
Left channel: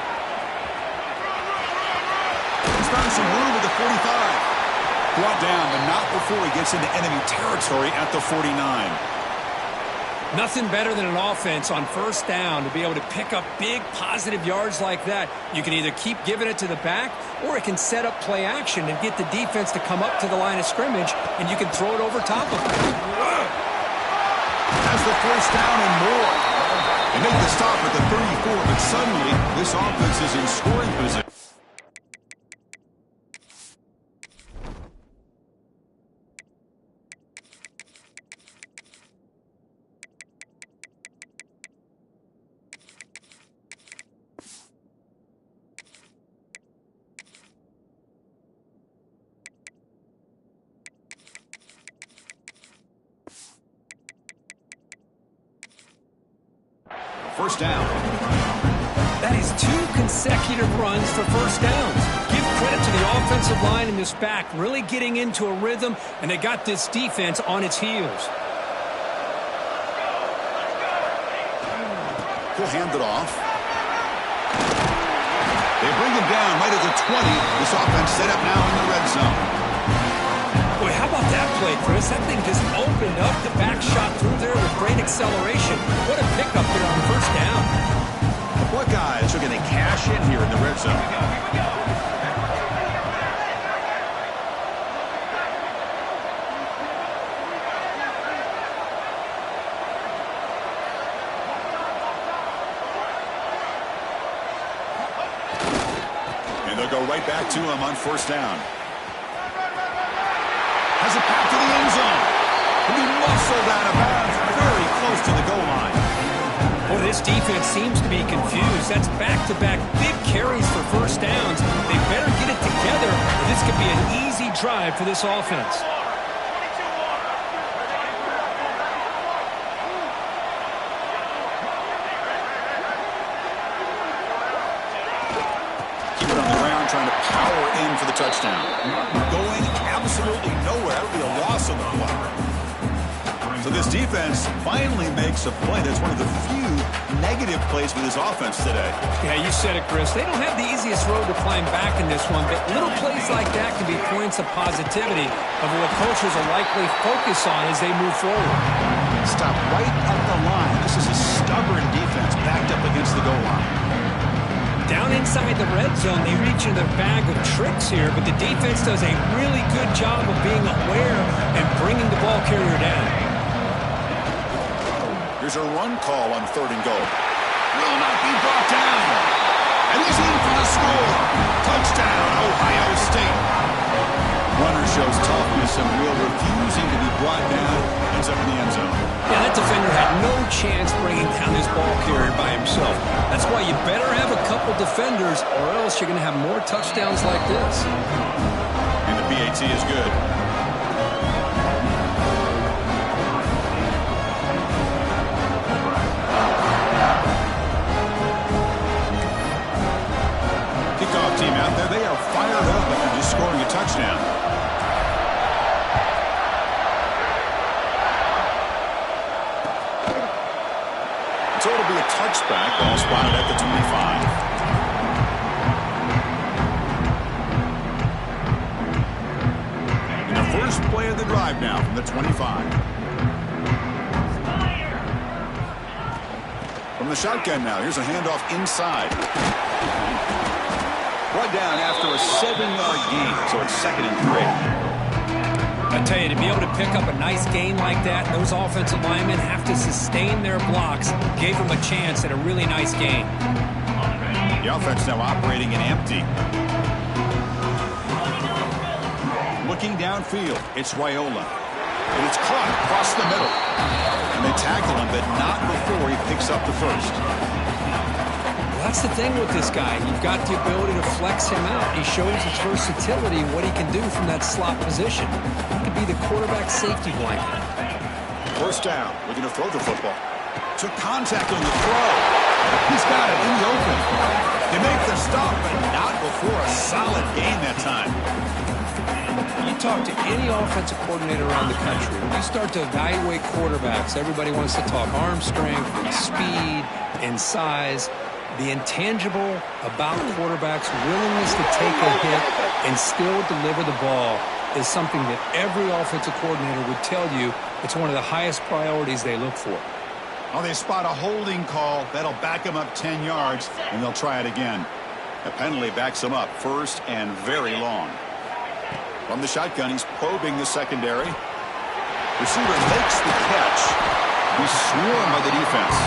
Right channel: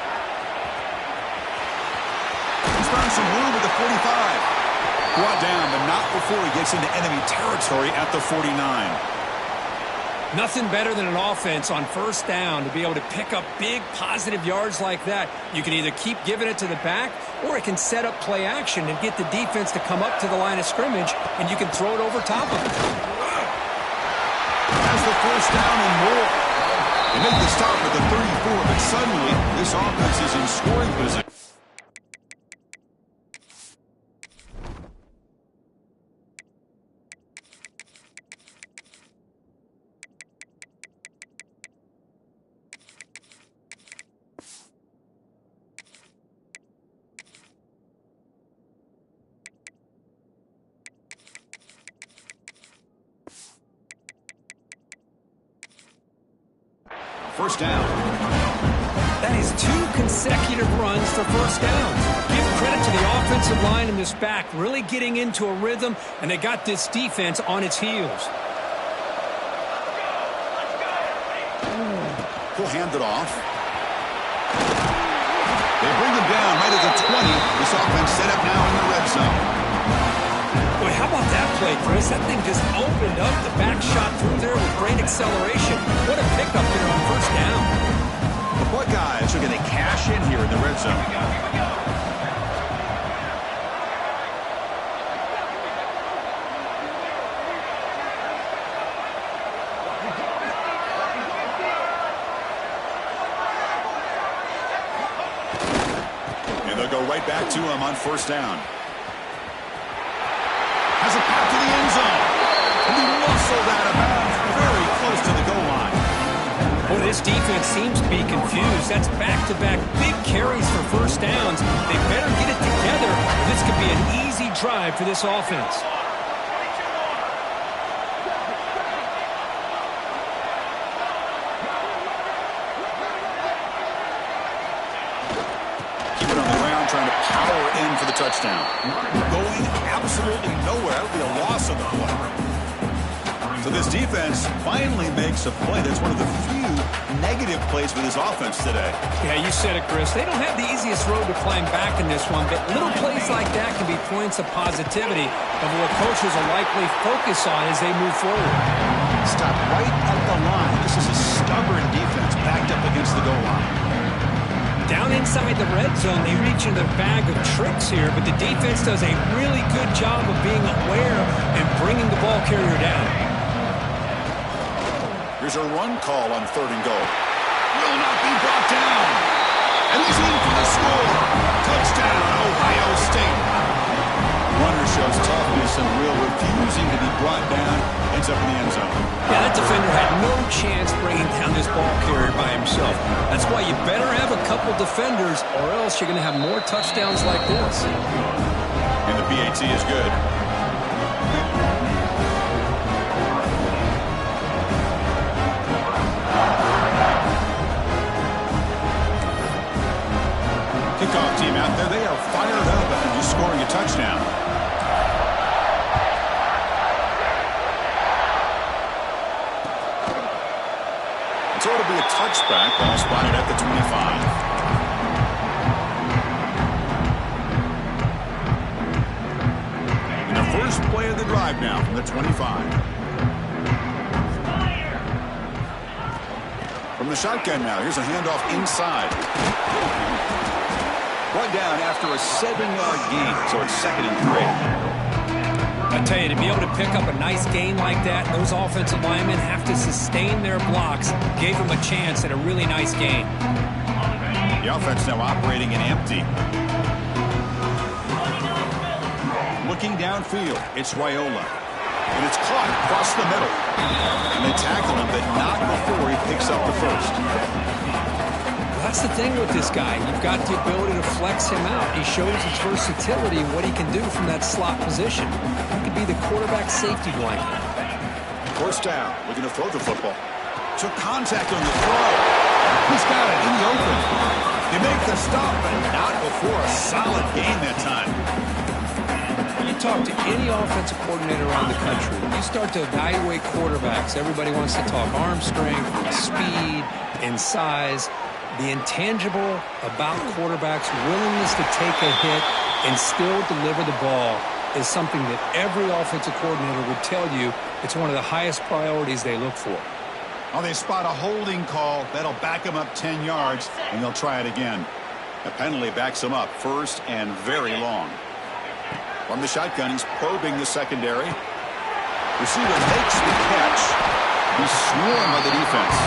He's found some room at the 45. Brought down, but not before he gets into enemy territory at the 49. Nothing better than an offense on 1st down to be able to pick up big positive yards like that. You can either keep giving it to the back, or it can set up play action and get the defense to come up to the line of scrimmage, and you can throw it over top of them. Has the 1st down and more. They make the stop at the 34, but suddenly this offense is in scoring position. First down. That is 2 consecutive runs for 1st downs. Give credit to the offensive line in this back, really getting into a rhythm, and they got this defense on its heels. He'll hand it off. They bring him down right at the 20. This offense set up now in the red zone. Boy, how about that play, Chris? That thing just opened up. The back shot through there with great acceleration. What a pickup there on 1st down. The Buckeyes are going to cash in here in the red zone. Here we go. And they'll go right back to him on 1st down. Has a path to the end zone. And he muscled out of bounds very close to the goal line. Boy, this defense seems to be confused. That's back-to-back big carries for 1st downs. They better get it together, or this could be an easy drive for this offense. ground trying to power in for the touchdown. Going absolutely nowhere. That would be a loss of the play. So this defense finally makes a play. That's one of the few negative plays with his offense today. Yeah, you said it, Chris. They don't have the easiest road to climb back in this one, but little plays like that can be points of positivity of what coaches will likely focus on as they move forward. Stop right at the line. This is a stubborn defense backed up against the goal line. Down inside the red zone, they reach into their bag of tricks here, but the defense does a really good job of being aware and bringing the ball carrier down. Here's a run call on 3rd and goal. Will not be brought down. And he's in for the score. Touchdown, Ohio State. Runner shows toughness and will, refusing to be brought down. Ends up in the end zone. Yeah, that defender had no chance bringing down this ball carrier by himself. That's why you better have a couple defenders, or else you're going to have more touchdowns like this. And the PAT is good. Kickoff team out there. They are fired up after just scoring a touchdown. So it'll be a touchback. Ball spotted at the 25. And the first play of the drive now from the 25. From the shotgun now. Here's a handoff inside. Brought down after a 7-yard gain, so it's 2nd and 3. I tell you, to be able to pick up a nice gain like that, those offensive linemen have to sustain their blocks. Gave them a chance at a really nice gain. The offense now operating in empty. Looking downfield, it's Raiola. And it's caught across the middle. And they tackle him, but not before he picks up the first. That's the thing with this guy. You've got the ability to flex him out. He shows his versatility and what he can do from that slot position. He could be the quarterback safety blanket. First down, looking to throw the football. Took contact on the throw. He's got it in the open. They make the stop, but not before a solid gain that time. You talk to any offensive coordinator around the country, you start to evaluate quarterbacks. Everybody wants to talk arm strength and speed and size. The intangible about quarterbacks' willingness to take a hit and still deliver the ball is something that every offensive coordinator would tell you it's one of the highest priorities they look for. Oh, they spot a holding call. That'll back them up 10 yards, and they'll try it again. The penalty backs them up 1st and very long. From the shotgun, he's probing the secondary. Receiver makes the catch. He's swarmed by the defense.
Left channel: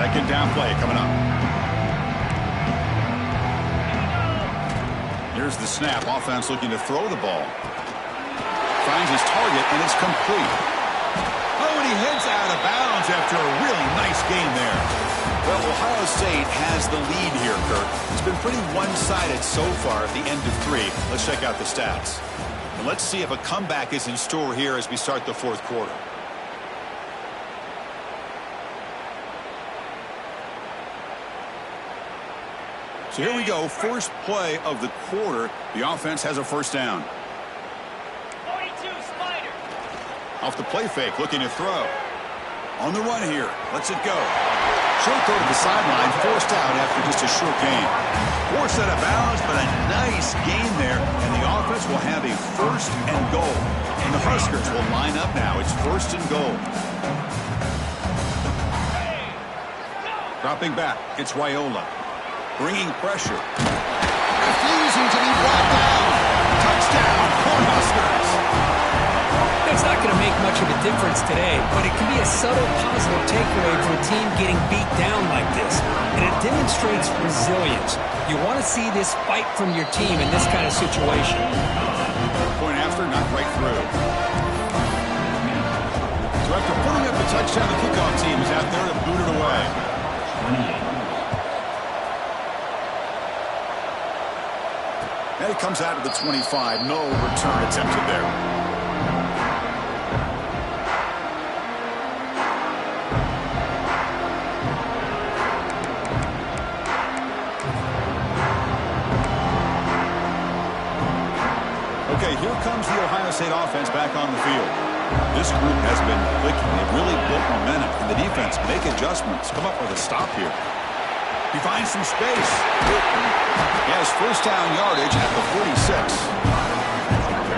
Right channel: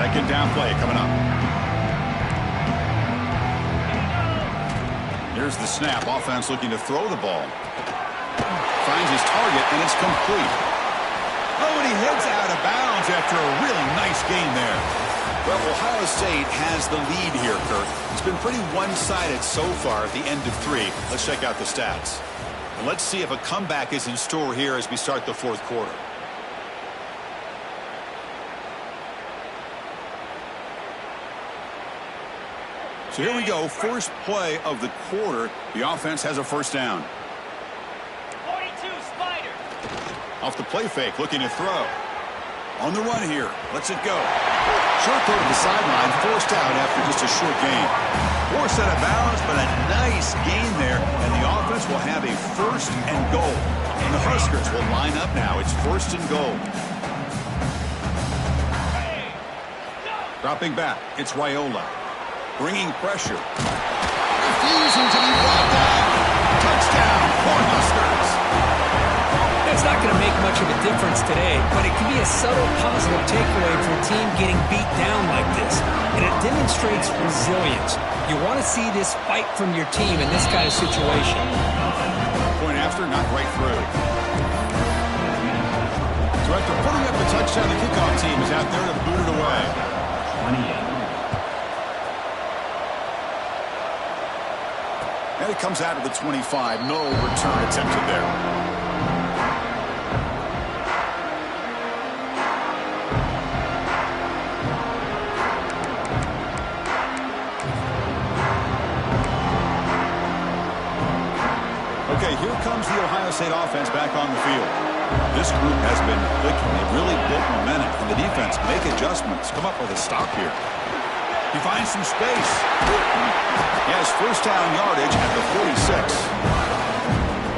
2nd down play coming up. Here's the snap. Offense looking to throw the ball. Finds his target, and it's complete. Oh, and he heads out of bounds after a really nice gain there. Well, Ohio State has the lead here, Kirk. It's been pretty one-sided so far at the end of 3. Let's check out the stats. And let's see if a comeback is in store here as we start the 4th quarter. So here we go, first play of the quarter. The offense has a first down. 42 Spider. Off the play fake, looking to throw. On the run here, lets it go. Short throw to the sideline, forced out after just a short gain. Forced out of bounds, but a nice gain there, and the offense will have a 1st and goal. And the Huskers will line up now. It's 1st and goal. Dropping back, it's Raiola. Bringing pressure. Refusing to be brought down. Touchdown, Cornhuskers. It's not going to make much of a difference today, but it can be a subtle positive takeaway for a team getting beat down like this. And it demonstrates resilience. You want to see this fight from your team in this kind of situation. Point after, not right through. So after putting up the touchdown, the kickoff team is out there to boot it away. 28. And it comes out of the 25. No return attempted there. comes the Ohio State offense back on the field. This group has been clicking. They've really built momentum. And the defense make adjustments. Come up with a stop here. He finds some space. He has first down yardage at the 46.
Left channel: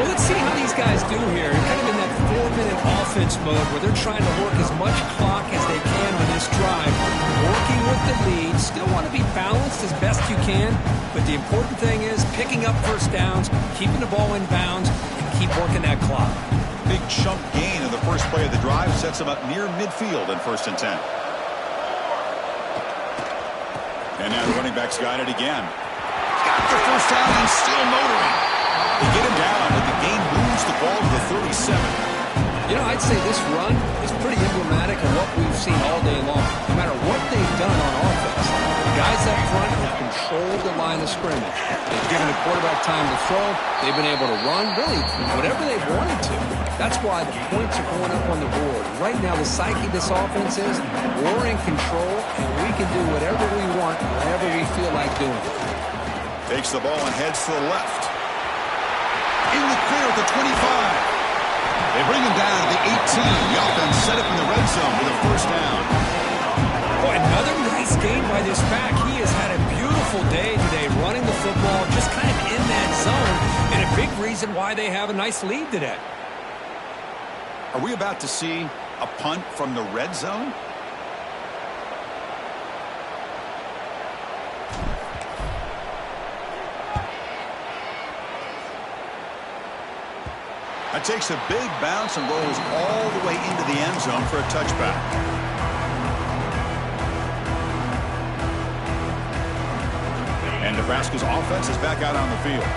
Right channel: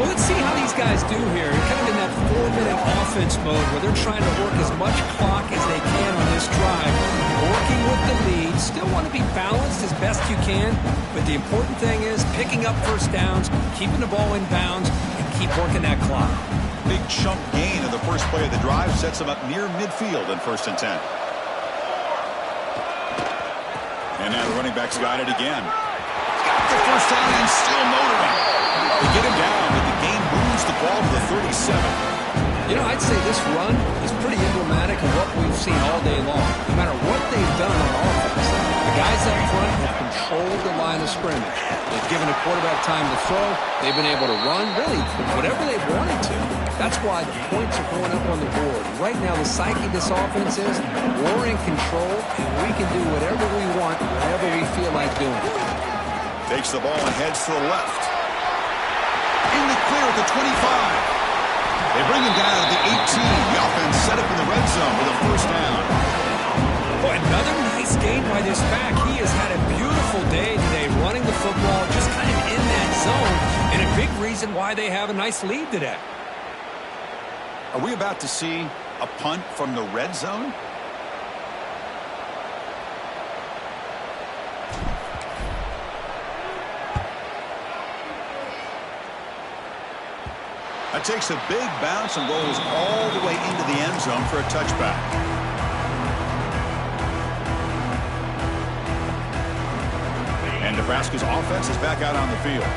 Well, let's see how these guys do here. Kind of in that 4-minute offense mode where they're trying to work as much clock as they can on this drive. Working with the lead. Still want to be balanced as best you can. But the important thing is picking up first downs, keeping the ball in bounds, and keep working that clock. Big chunk gain in the first play of the drive sets him up near midfield in 1st and 10. And now the running back's got it again. He's got the first down and still motoring. They get him down, but the game moves the ball to the 37. You know, I'd say this run is pretty emblematic of what we've seen all day long. No matter what they've done on offense, the guys up front have controlled the line of scrimmage. They've given the quarterback time to throw. They've been able to run, really, whatever they've wanted to. That's why the points are going up on the board. Right now, the psyche of this offense is we're in control, and we can do whatever we want, whenever we feel like doing it. Takes the ball and heads to the left. In the clear at the 25. They bring him down at the 18. The offense set up in the red zone with a first down. Boy, another nice gain by this back. He has had a beautiful day today running the football, just kind of in that zone, and a big reason why they have a nice lead today. Are we about to see a punt from the red zone? That takes a big bounce and rolls all the way into the end zone for a touchback. And Nebraska's offense is back out on the field.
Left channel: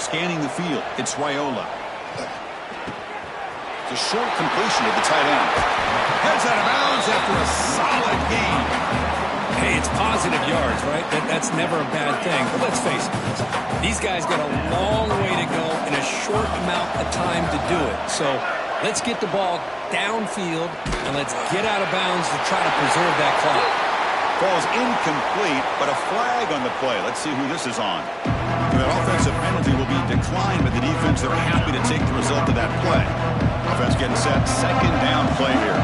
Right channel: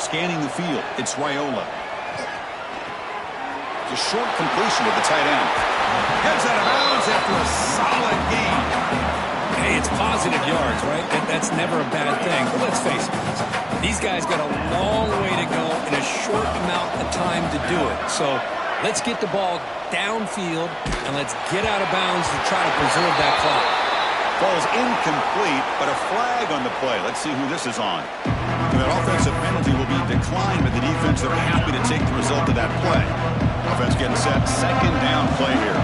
Scanning the field, it's Raiola. It's a short completion to the tight end. Heads out of bounds after a solid gain. Hey, it's positive yards, right? That's never a bad thing. But let's face it, these guys got a long way to go in a short amount of time to do it. So let's get the ball downfield, and let's get out of bounds to try to preserve that clock. Ball's incomplete, but a flag on the play. Let's see who this is on. And that offensive penalty will be declined by the defense. They're happy to take the result of that play. Offense getting set. 2nd down play here.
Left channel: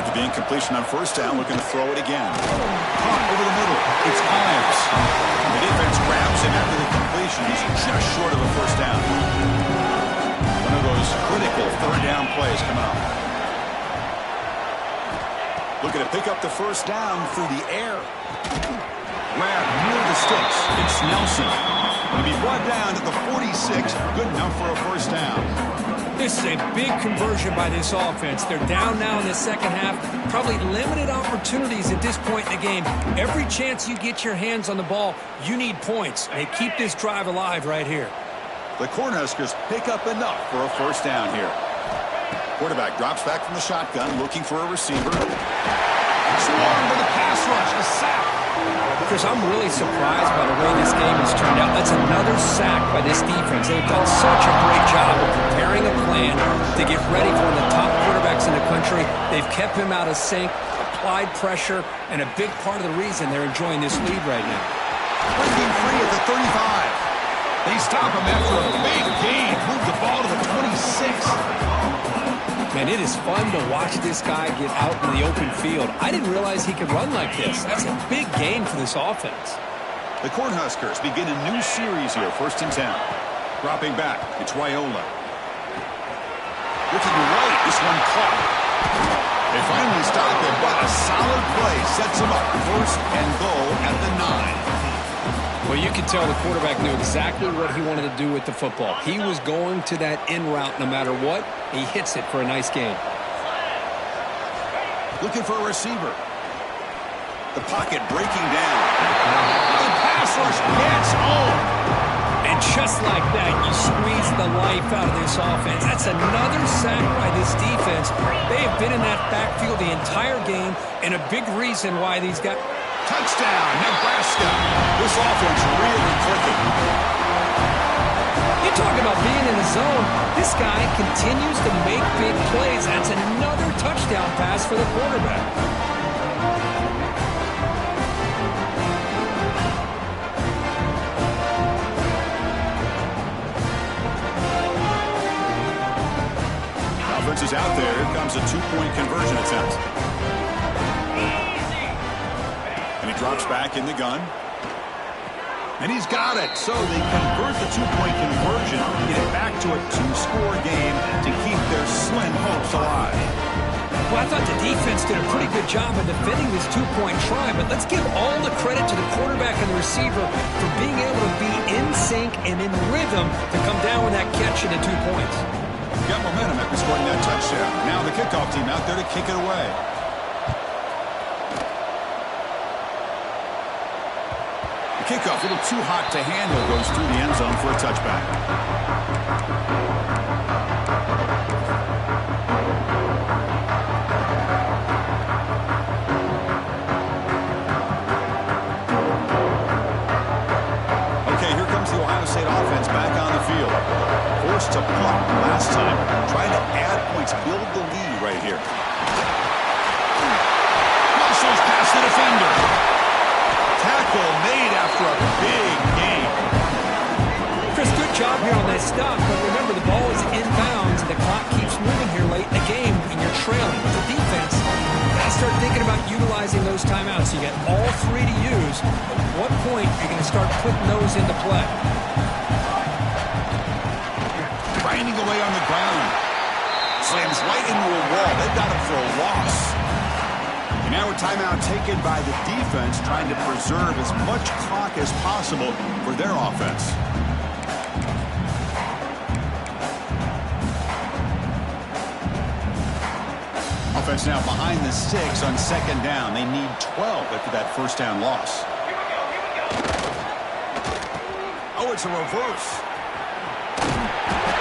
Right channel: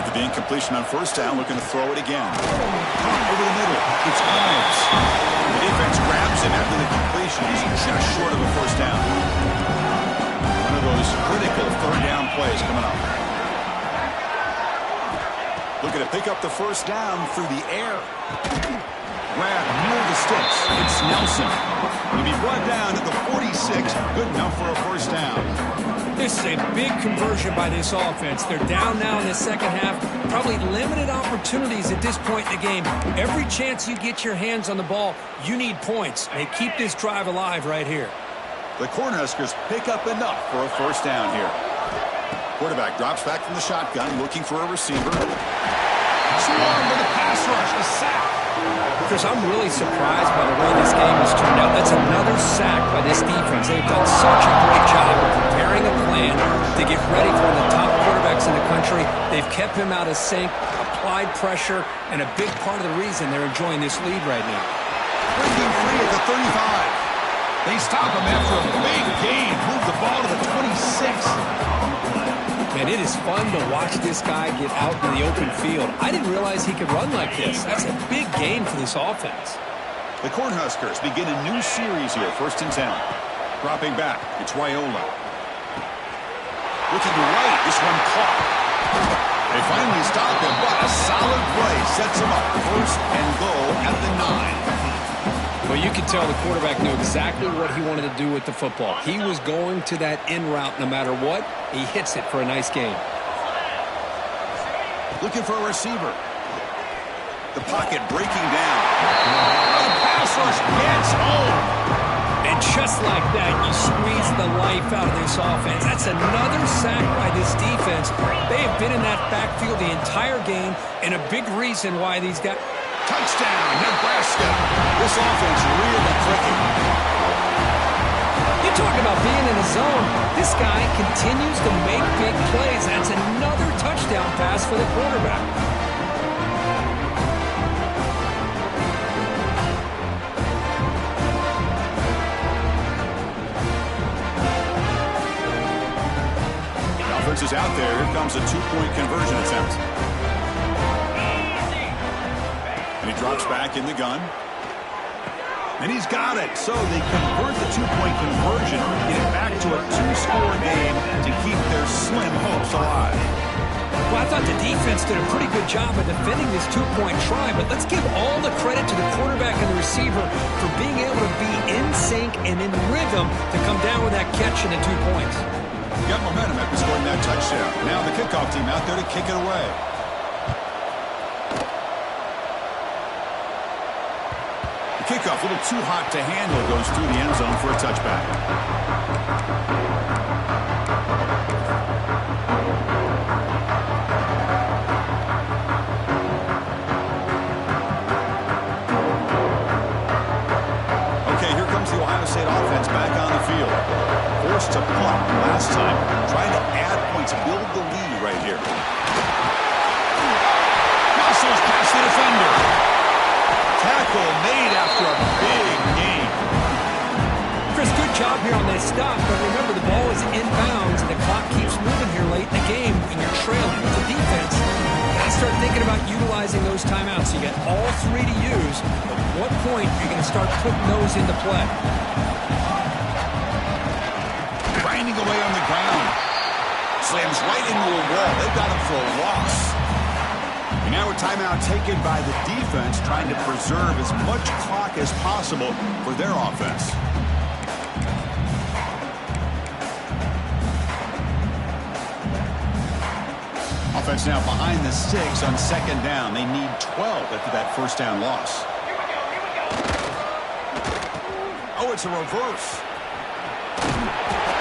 After the incompletion on first down, looking to throw it again. Caught over the middle. It's Ives. The defense grabs him after the completion. He's just short of a first down. One of those critical 3rd down plays coming up. Looking to pick up the first down through the air. Grab near the sticks. It's Nelson. He'll be brought down at the 46. Good enough for a first down. This is a big conversion by this offense. They're down now in the second half. Probably limited opportunities at this point in the game. Every chance you get your hands on the ball, you need points. They keep this drive alive right here. The Cornhuskers pick up enough for a first down here. Quarterback drops back from the shotgun, looking for a receiver. Swarm with a pass rush, a sack. Chris, I'm really surprised by the way this game has turned out. That's another sack by this defense. They've done such a great job of preparing a plan to get ready for one of the top quarterbacks in the country. They've kept him out of sync, applied pressure, and a big part of the reason they're enjoying this lead right now. Breaking free at the 35. They stop him after a big gain. Move the ball to the 26. Man, it is fun to watch this guy get out in the open field. I didn't realize he could run like this. That's a big gain for this offense. The Cornhuskers begin a new series here, 1st and 10. Dropping back, it's Raiola. Looking right, this one caught. They finally stop him, but a solid play sets him up. 1st and goal at the 9. Well, you can tell the quarterback knew exactly what he wanted to do with the football. He was going to that in route no matter what. He hits it for a nice gain. Looking for a receiver. The pocket breaking down. The pass rush gets home. And just like that, you squeeze the life out of this offense. That's another sack by this defense. They have been in that backfield the entire game, and a big reason why these guys... Touchdown, Nebraska. This offense really clicking. You talk about being in a zone. This guy continues to make big plays. That's another touchdown pass for the quarterback. defense is out there. Here comes a two-point conversion attempt. And he drops back in the gun. And he's got it. So they convert the two-point conversion, get it back to a two-score game to keep their slim hopes alive. Well, I thought the defense did a pretty good job of defending this two-point try, but let's give all the credit to the quarterback and the receiver for being able to be in sync and in rhythm to come down with that catch and the 2 points. Got momentum after scoring that touchdown. Now the kickoff team out there to kick it away. The kickoff, a little too hot to handle, goes through the end zone for a touchback. Okay, here comes the Ohio State offense back on the field. Forced to punt last time. Trying to add points, build the lead right here. Muscles past the defender. Tackle made after a big gain. Chris, good job here on that stop, but remember the ball is inbounds and the clock keeps moving here late in the game and you're trailing. With the defense, you got to start thinking about utilizing those timeouts. You got all three to use, but at what point are you going to start putting those into play? Grinding away on the ground. Slams right into a wall. They've got him for a loss. And now a timeout taken by the defense, trying to preserve as much clock as possible for their offense. Offense now behind the 6 on second down. They need 12 after that first down loss. Here we go. Oh, it's a reverse.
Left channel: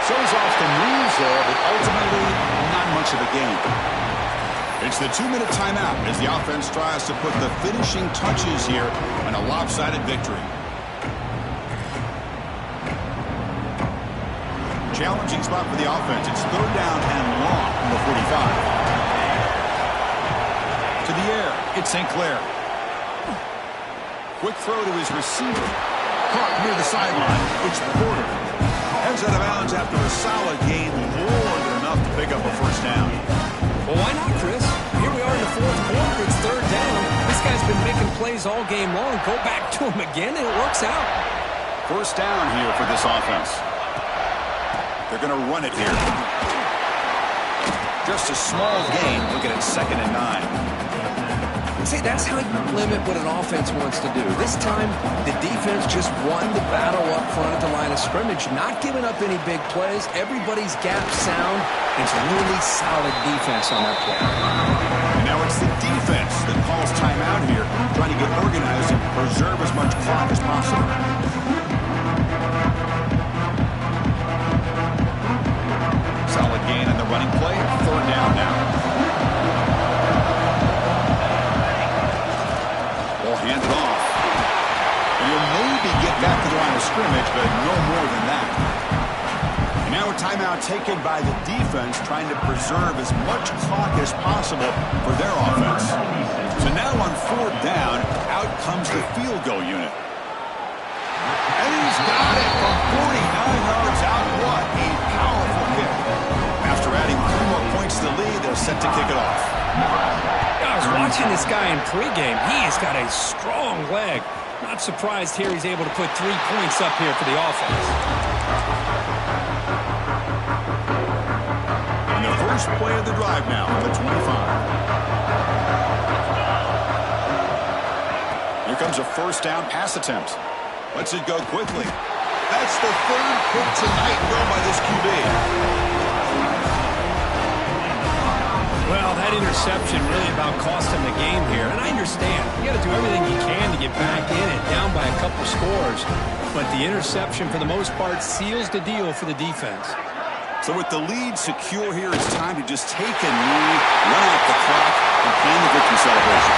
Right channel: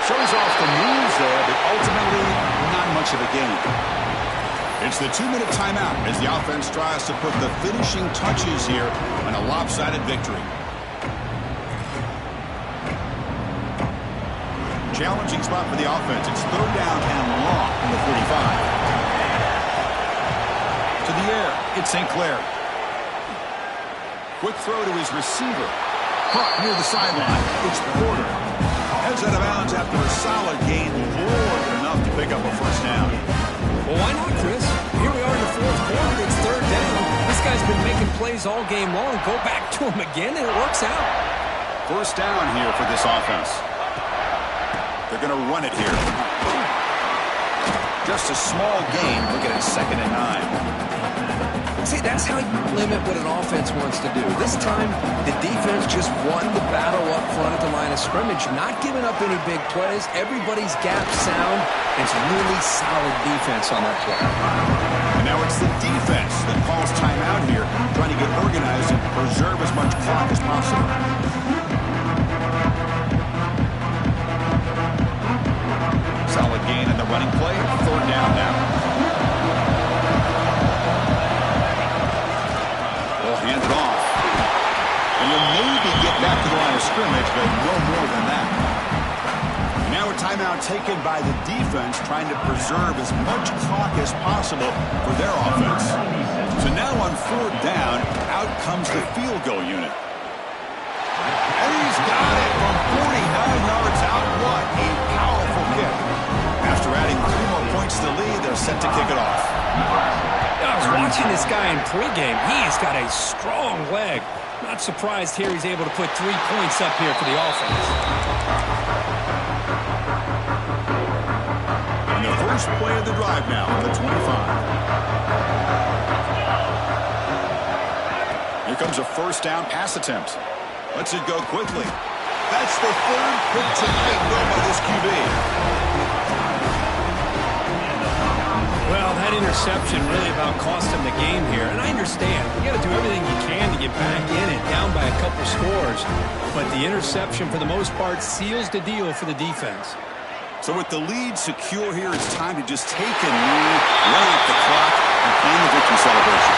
Shows off the moves there, but ultimately not much of a gain. It's the 2-minute timeout as the offense tries to put the finishing touches here on a lopsided victory. Challenging spot for the offense. It's third down and long from the 45. To the air, it's St. Clair. Quick throw to his receiver. Caught near the sideline. It's Porter. Heads out of bounds after a solid gain, more than enough to pick up a first down. Well, why not, Chris? Here we are in the fourth quarter. It's third down. This guy's been making plays all game long. Go back to him again, and it works out. First down here for this offense. They're going to run it here. Just a small gain. Looking at 2nd and 9. See, that's how you limit what an offense wants to do. This time, the defense just won the battle up front at the line of scrimmage, not giving up any big plays. Everybody's gap sound. It's really solid defense on that play. And now it's the defense that calls timeout here, trying to get organized and preserve as much clock as possible. Solid gain on the running play. Third down now. Hand it off. And you'll maybe get back to the line of scrimmage, but no more than that. And now a timeout taken by the defense, trying to preserve as much clock as possible for their offense. So now on fourth down, out comes the field goal unit. And he's got it from 49 yards out. What a powerful kick. After adding 3 more points to the lead, they're set to kick it off. I was watching this guy in pregame. He has got a strong leg. Not surprised here he's able to put 3 points up here for the offense. And the first play of the drive now on the 25. Here comes a first down pass attempt. Lets it go quickly. That's the third pick tonight thrown by this QB. Well, that interception really about cost him the game here. And I understand. You got to do everything you can to get back in it, down by a couple scores. But the interception, for the most part, seals the deal for the defense. So with the lead secure here, it's time to just take a knee, run out the clock, and plan the victory celebration.